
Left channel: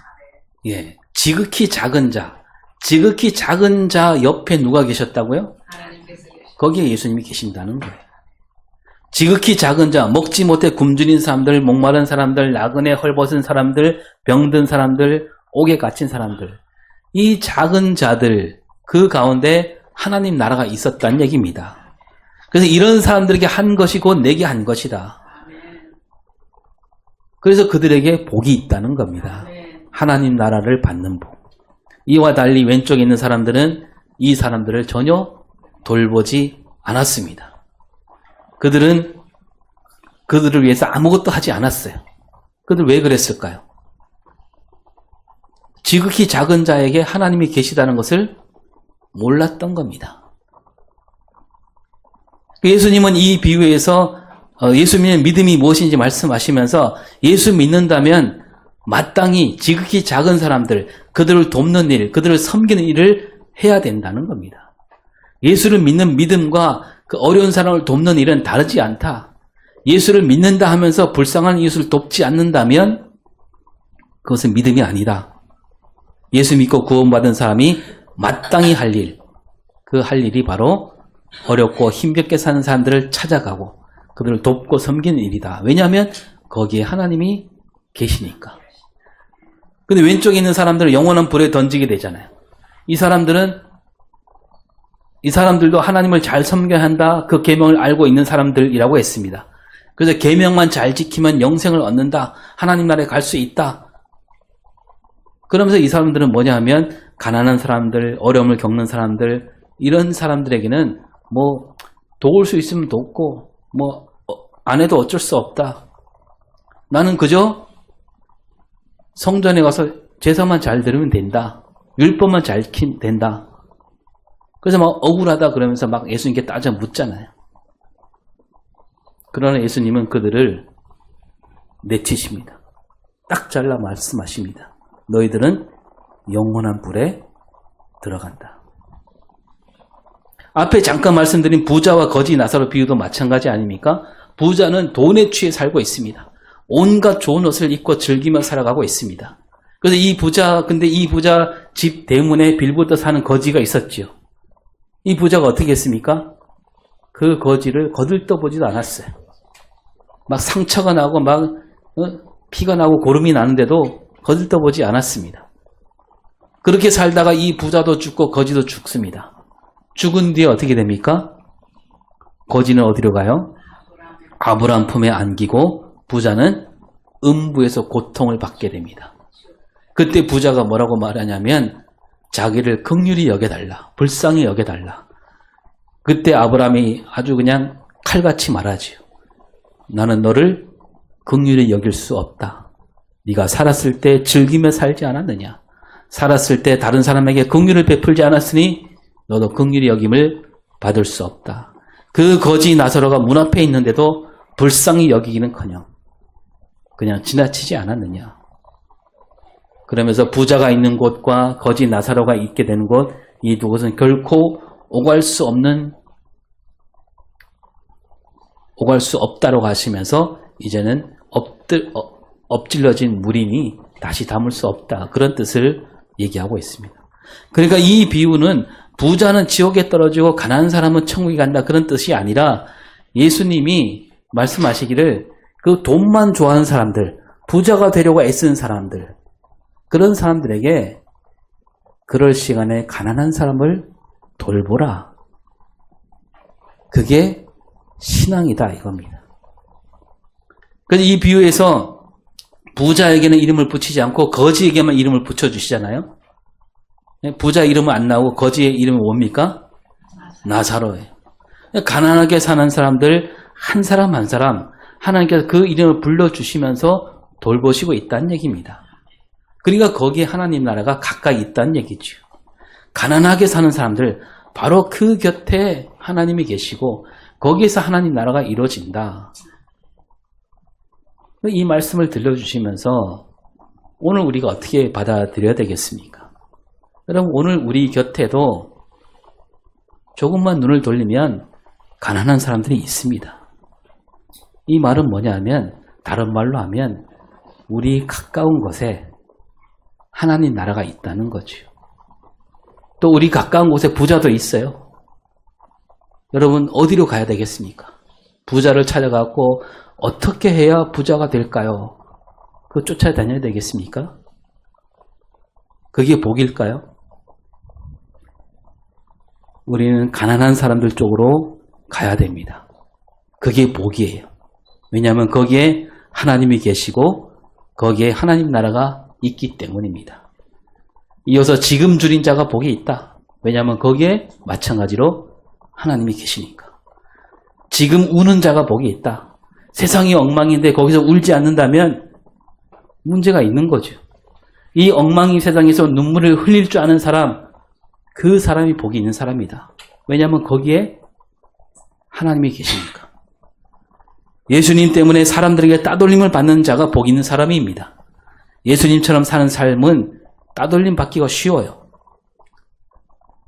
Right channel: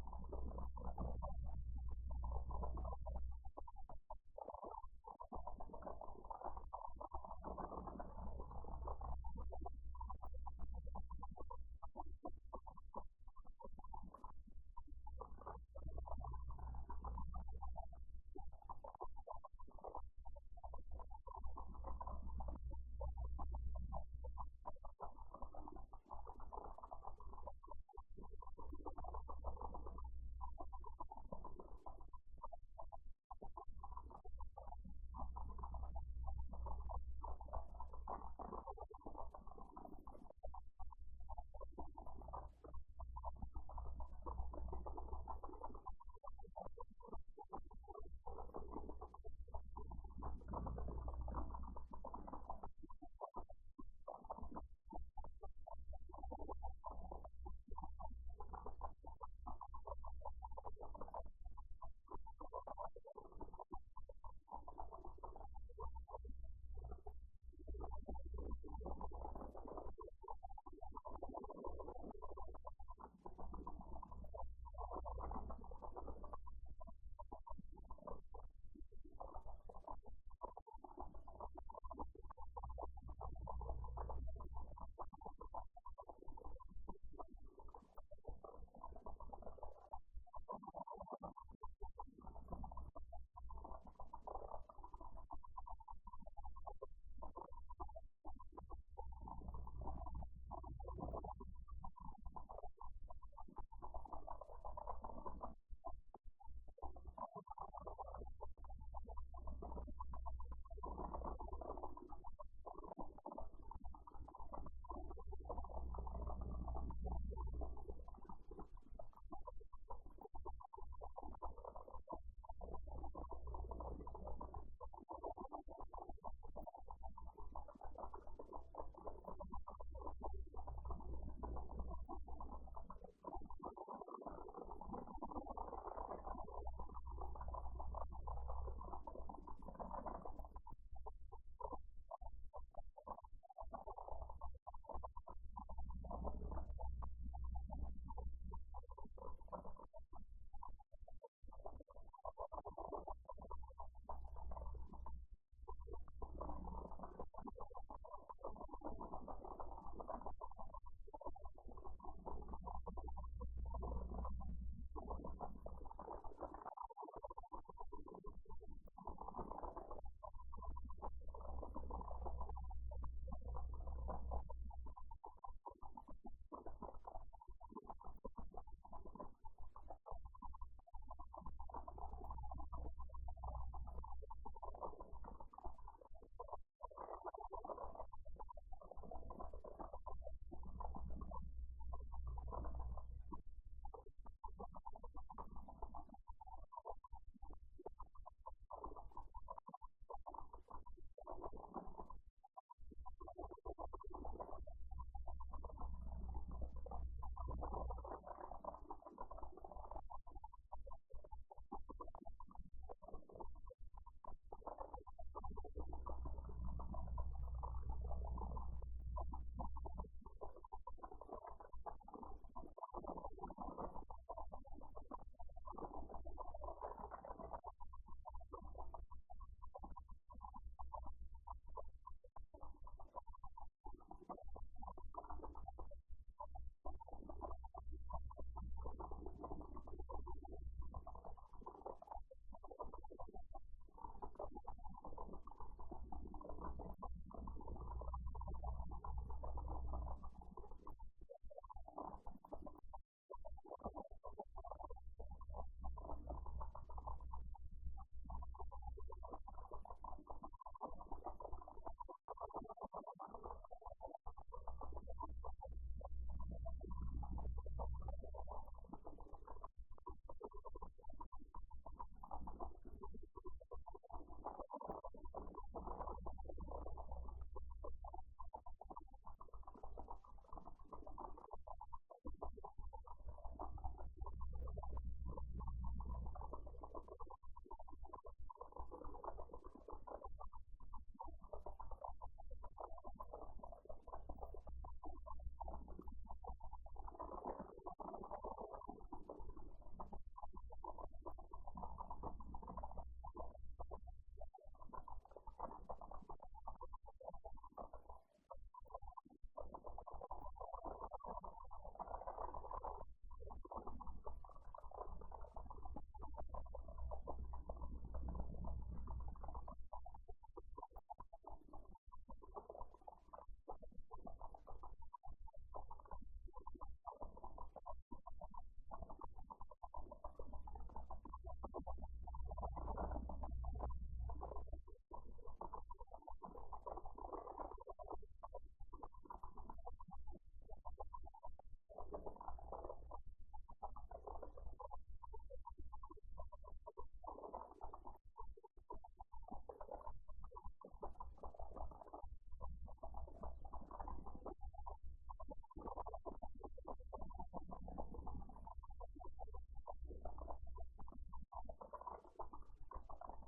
예, 지극히 작은 자. 지극히 작은 자 옆에 누가 계셨다고요? 거기에 예수님이 계신다는 거예요. 지극히 작은 자, 먹지 못해 굶주린 사람들, 목마른 사람들, 나그네 헐벗은 사람들, 병든 사람들, 옥에 갇힌 사람들. 이 작은 자들, 그 가운데 하나님 나라가 있었다는 얘기입니다. 그래서 이런 사람들에게 한 것이 곧 내게 한 것이다. 그래서 그들에게 복이 있다는 겁니다. 하나님 나라를 받는 복. 이와 달리 왼쪽에 있는 사람들은 이 사람들을 전혀 돌보지 않았습니다. 그들은 그들을 위해서 아무것도 하지 않았어요. 그들 왜 그랬을까요? 지극히 작은 자에게 하나님이 계시다는 것을 몰랐던 겁니다. 예수님은 이 비유에서 예수 믿는 믿음이 무엇인지 말씀하시면서 예수 믿는다면 마땅히 지극히 작은 사람들, 그들을 돕는 일, 그들을 섬기는 일을 해야 된다는 겁니다. 예수를 믿는 믿음과 그 어려운 사람을 돕는 일은 다르지 않다. 예수를 믿는다 하면서 불쌍한 이웃을 돕지 않는다면 그것은 믿음이 아니다. 예수 믿고 구원받은 사람이 마땅히 할 일, 그 할 일이 바로 어렵고 힘겹게 사는 사람들을 찾아가고 그들을 돕고 섬기는 일이다. 왜냐하면 거기에 하나님이 계시니까. 근데 왼쪽에 있는 사람들은 영원한 불에 던지게 되잖아요. 이 사람들도 하나님을 잘 섬겨야 한다. 그 계명을 알고 있는 사람들이라고 했습니다. 그래서 계명만 잘 지키면 영생을 얻는다. 하나님 나라에 갈 수 있다. 그러면서 이 사람들은 뭐냐 하면 가난한 사람들, 어려움을 겪는 사람들, 이런 사람들에게는 뭐 도울 수 있으면 돕고 뭐 안 해도 어쩔 수 없다. 나는 그저 성전에 가서 제사만 잘 들으면 된다. 율법만 잘 지키면 된다. 그래서 막 억울하다 그러면서 막 예수님께 따져 묻잖아요. 그러나 예수님은 그들을 내치십니다. 딱 잘라 말씀하십니다. 너희들은 영원한 불에 들어간다. 앞에 잠깐 말씀드린 부자와 거지 나사로 비유도 마찬가지 아닙니까? 부자는 돈에 취해 살고 있습니다. 온갖 좋은 옷을 입고 즐기며 살아가고 있습니다. 그래서 근데 이 부자 집 대문에 빌붙어 사는 거지가 있었지요. 이 부자가 어떻게 했습니까? 그 거지를 거들떠보지도 않았어요. 막 상처가 나고 막 피가 나고 고름이 나는데도 거들떠보지 않았습니다. 그렇게 살다가 이 부자도 죽고 거지도 죽습니다. 죽은 뒤에 어떻게 됩니까? 거지는 어디로 가요? 아브라함 품에 안기고 부자는 음부에서 고통을 받게 됩니다. 그때 부자가 뭐라고 말하냐면 자기를 긍휼히 여겨달라. 불쌍히 여겨달라. 그때 아브라함이 아주 그냥 칼같이 말하지요. 나는 너를 긍휼히 여길 수 없다. 네가 살았을 때 즐기며 살지 않았느냐. 살았을 때 다른 사람에게 긍휼을 베풀지 않았으니 너도 긍휼히 여김을 받을 수 없다. 그 거지 나사로가 문 앞에 있는데도 불쌍히 여기기는커녕 그냥 지나치지 않았느냐. 그러면서 부자가 있는 곳과 거지 나사로가 있게 되는 곳, 이 두 곳은 결코 오갈 수 없다라고 하시면서 이제는 엎질러진 물이니 다시 담을 수 없다. 그런 뜻을 얘기하고 있습니다. 그러니까 이 비유는 부자는 지옥에 떨어지고 가난한 사람은 천국에 간다. 그런 뜻이 아니라 예수님이 말씀하시기를 그 돈만 좋아하는 사람들, 부자가 되려고 애쓰는 사람들, 그런 사람들에게 그럴 시간에 가난한 사람을 돌보라. 그게 신앙이다 이겁니다. 그래서 이 비유에서 부자에게는 이름을 붙이지 않고 거지에게만 이름을 붙여주시잖아요. 부자 이름은 안 나오고 거지의 이름은 뭡니까? 나사로예요. 가난하게 사는 사람들 한 사람 한 사람 하나님께서 그 이름을 불러주시면서 돌보시고 있다는 얘기입니다. 그러니까 거기에 하나님 나라가 가까이 있다는 얘기죠. 가난하게 사는 사람들 바로 그 곁에 하나님이 계시고 거기에서 하나님 나라가 이루어진다. 이 말씀을 들려주시면서 오늘 우리가 어떻게 받아들여야 되겠습니까? 여러분 오늘 우리 곁에도 조금만 눈을 돌리면 가난한 사람들이 있습니다. 이 말은 뭐냐면 다른 말로 하면 우리 가까운 곳에 하나님 나라가 있다는 거죠. 또 우리 가까운 곳에 부자도 있어요. 여러분 어디로 가야 되겠습니까? 부자를 찾아가고 어떻게 해야 부자가 될까요? 그거 쫓아다녀야 되겠습니까? 그게 복일까요? 우리는 가난한 사람들 쪽으로 가야 됩니다. 그게 복이에요. 왜냐하면 거기에 하나님이 계시고 거기에 하나님 나라가 있기 때문입니다. 이어서 지금 줄인 자가 복이 있다. 왜냐하면 거기에 마찬가지로 하나님이 계시니까. 지금 우는 자가 복이 있다. 세상이 엉망인데 거기서 울지 않는다면 문제가 있는 거죠. 이 엉망인 세상에서 눈물을 흘릴 줄 아는 사람, 그 사람이 복이 있는 사람이다. 왜냐하면 거기에 하나님이 계십니까? 예수님 때문에 사람들에게 따돌림을 받는 자가 복 있는 사람입니다. 예수님처럼 사는 삶은 따돌림 받기가 쉬워요.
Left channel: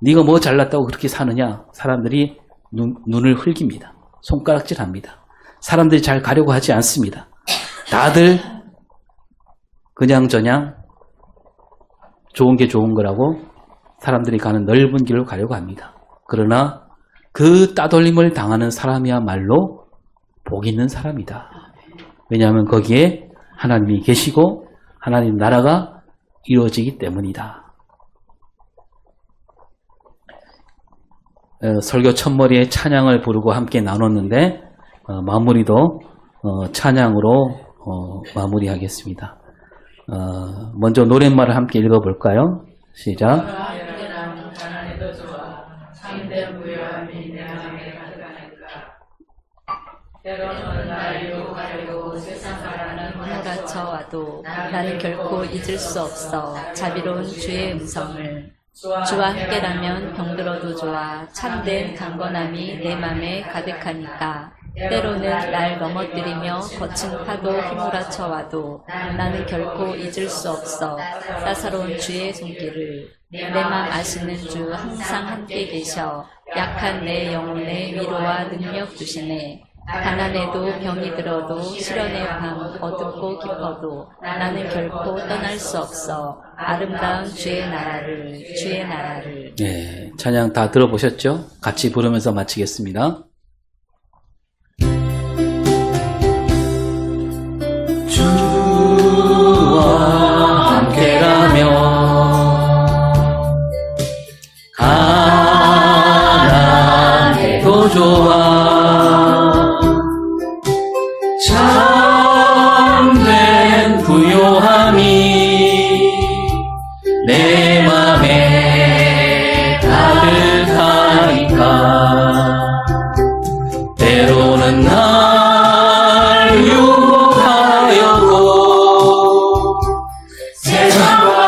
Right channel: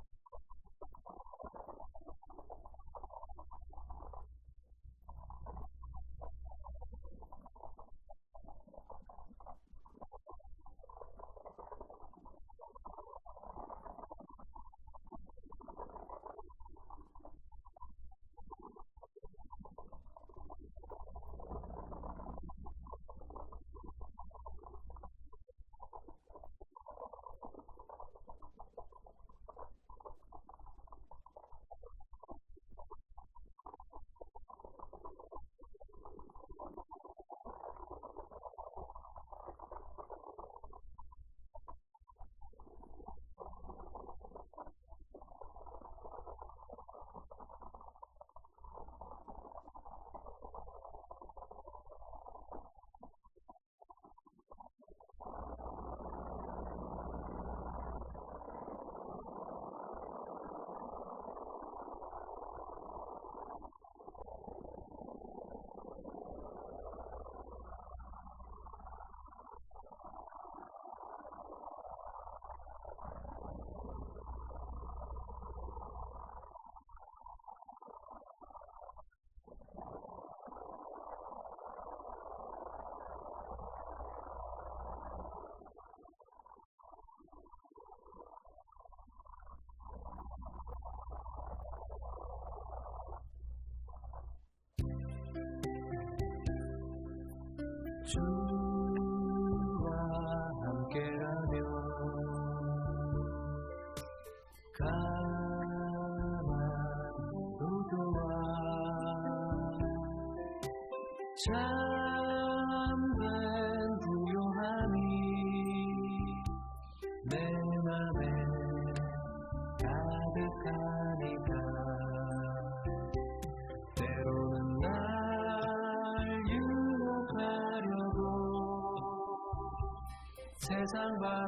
네가 뭐 잘났다고 그렇게 사느냐? 사람들이 눈을 흘깁니다. 손가락질합니다. 사람들이 잘 가려고 하지 않습니다. 다들 그냥저냥 좋은 게 좋은 거라고 사람들이 가는 넓은 길로 가려고 합니다. 그러나 그 따돌림을 당하는 사람이야말로 복 있는 사람이다. 왜냐하면 거기에 하나님이 계시고 하나님 나라가 이루어지기 때문이다. 설교 첫머리에 찬양을 부르고 함께 나눴는데 마무리도 찬양으로 마무리하겠습니다. 먼저 노랫말을 함께 읽어볼까요? 시작. 몰아쳐와도 나는 결코 잊을 수 없어 자비로운 주의 음성을. 주와 함께라면 병들어도 좋아 참된 강건함이 내 맘에 가득하니까. 때로는 날 넘어뜨리며 거친 파도 휘몰아쳐와도 나는 결코 잊을 수 없어 따사로운 주의 손길을. 내 맘 아시는 주 항상 함께 계셔 약한 내 영혼에 위로와 능력 주시네. 가난해도 병이 들어도 시련의 밤 어둡고 깊어도 나는 결코 떠날 수 없어 아름다운 주의 나라를. 네, 찬양 다 들어보셨죠? 같이 부르면서 마치겠습니다. 주와 함께라면 가난해도 좋아 참된 부요함이 내 맘에 가득하니까. 때로는 날 유혹하려고 세상과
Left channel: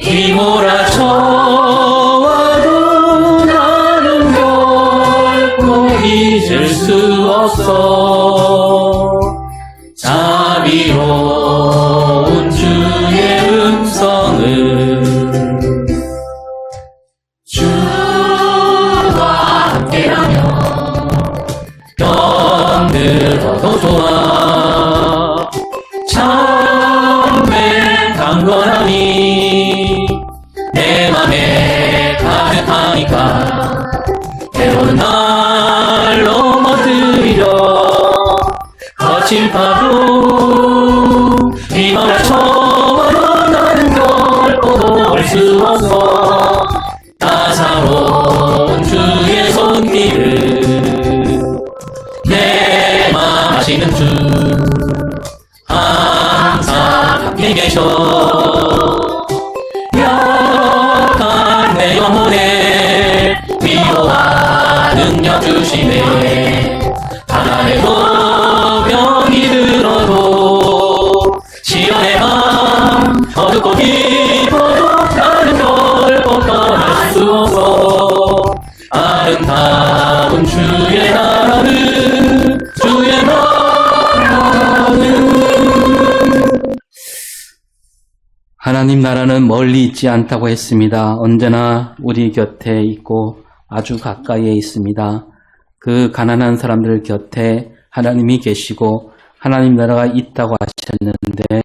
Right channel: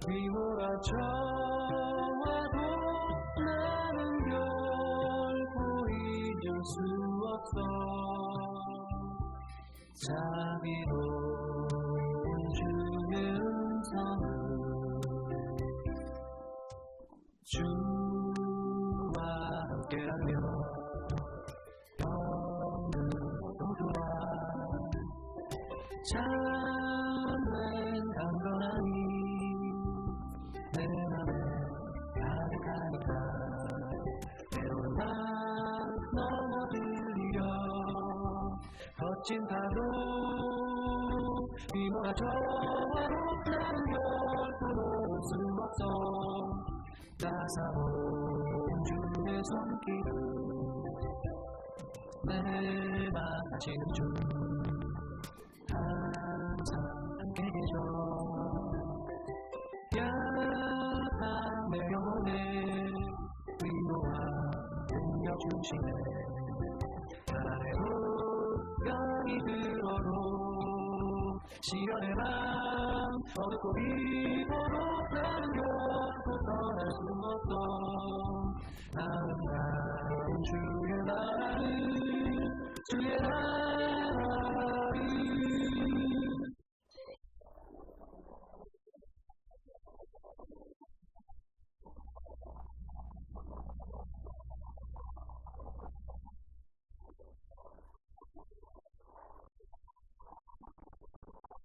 휘몰아쳐와도 나는 결코 잊을 수 없어 자비로운 주의 음성을. 주와 함께라면 병들어도 좋아 참된 강건함이 내 맘에 가득하니까. 때로는 날 넘어뜨리려 거친 파도 휘몰아쳐와도 나는 결코 놓을 수 없어 따사로운 주의 손길을. 내 맘 아시는 주 항상 함께 계셔 약한 내 영혼에 위로와 능력 주시네. 가난해도 병이 들어도 시련의 밤 어둡고 깊어도 나는 결코 떠날 수 없어 아름다운 주의 나라는. 하나님 나라는 멀리 있지 않다고 했습니다. 언제나 우리 곁에 있고 아주 가까이에 있습니다. 그 가난한 사람들 곁에 하나님이 계시고 하나님 나라가 있다고 하셨는데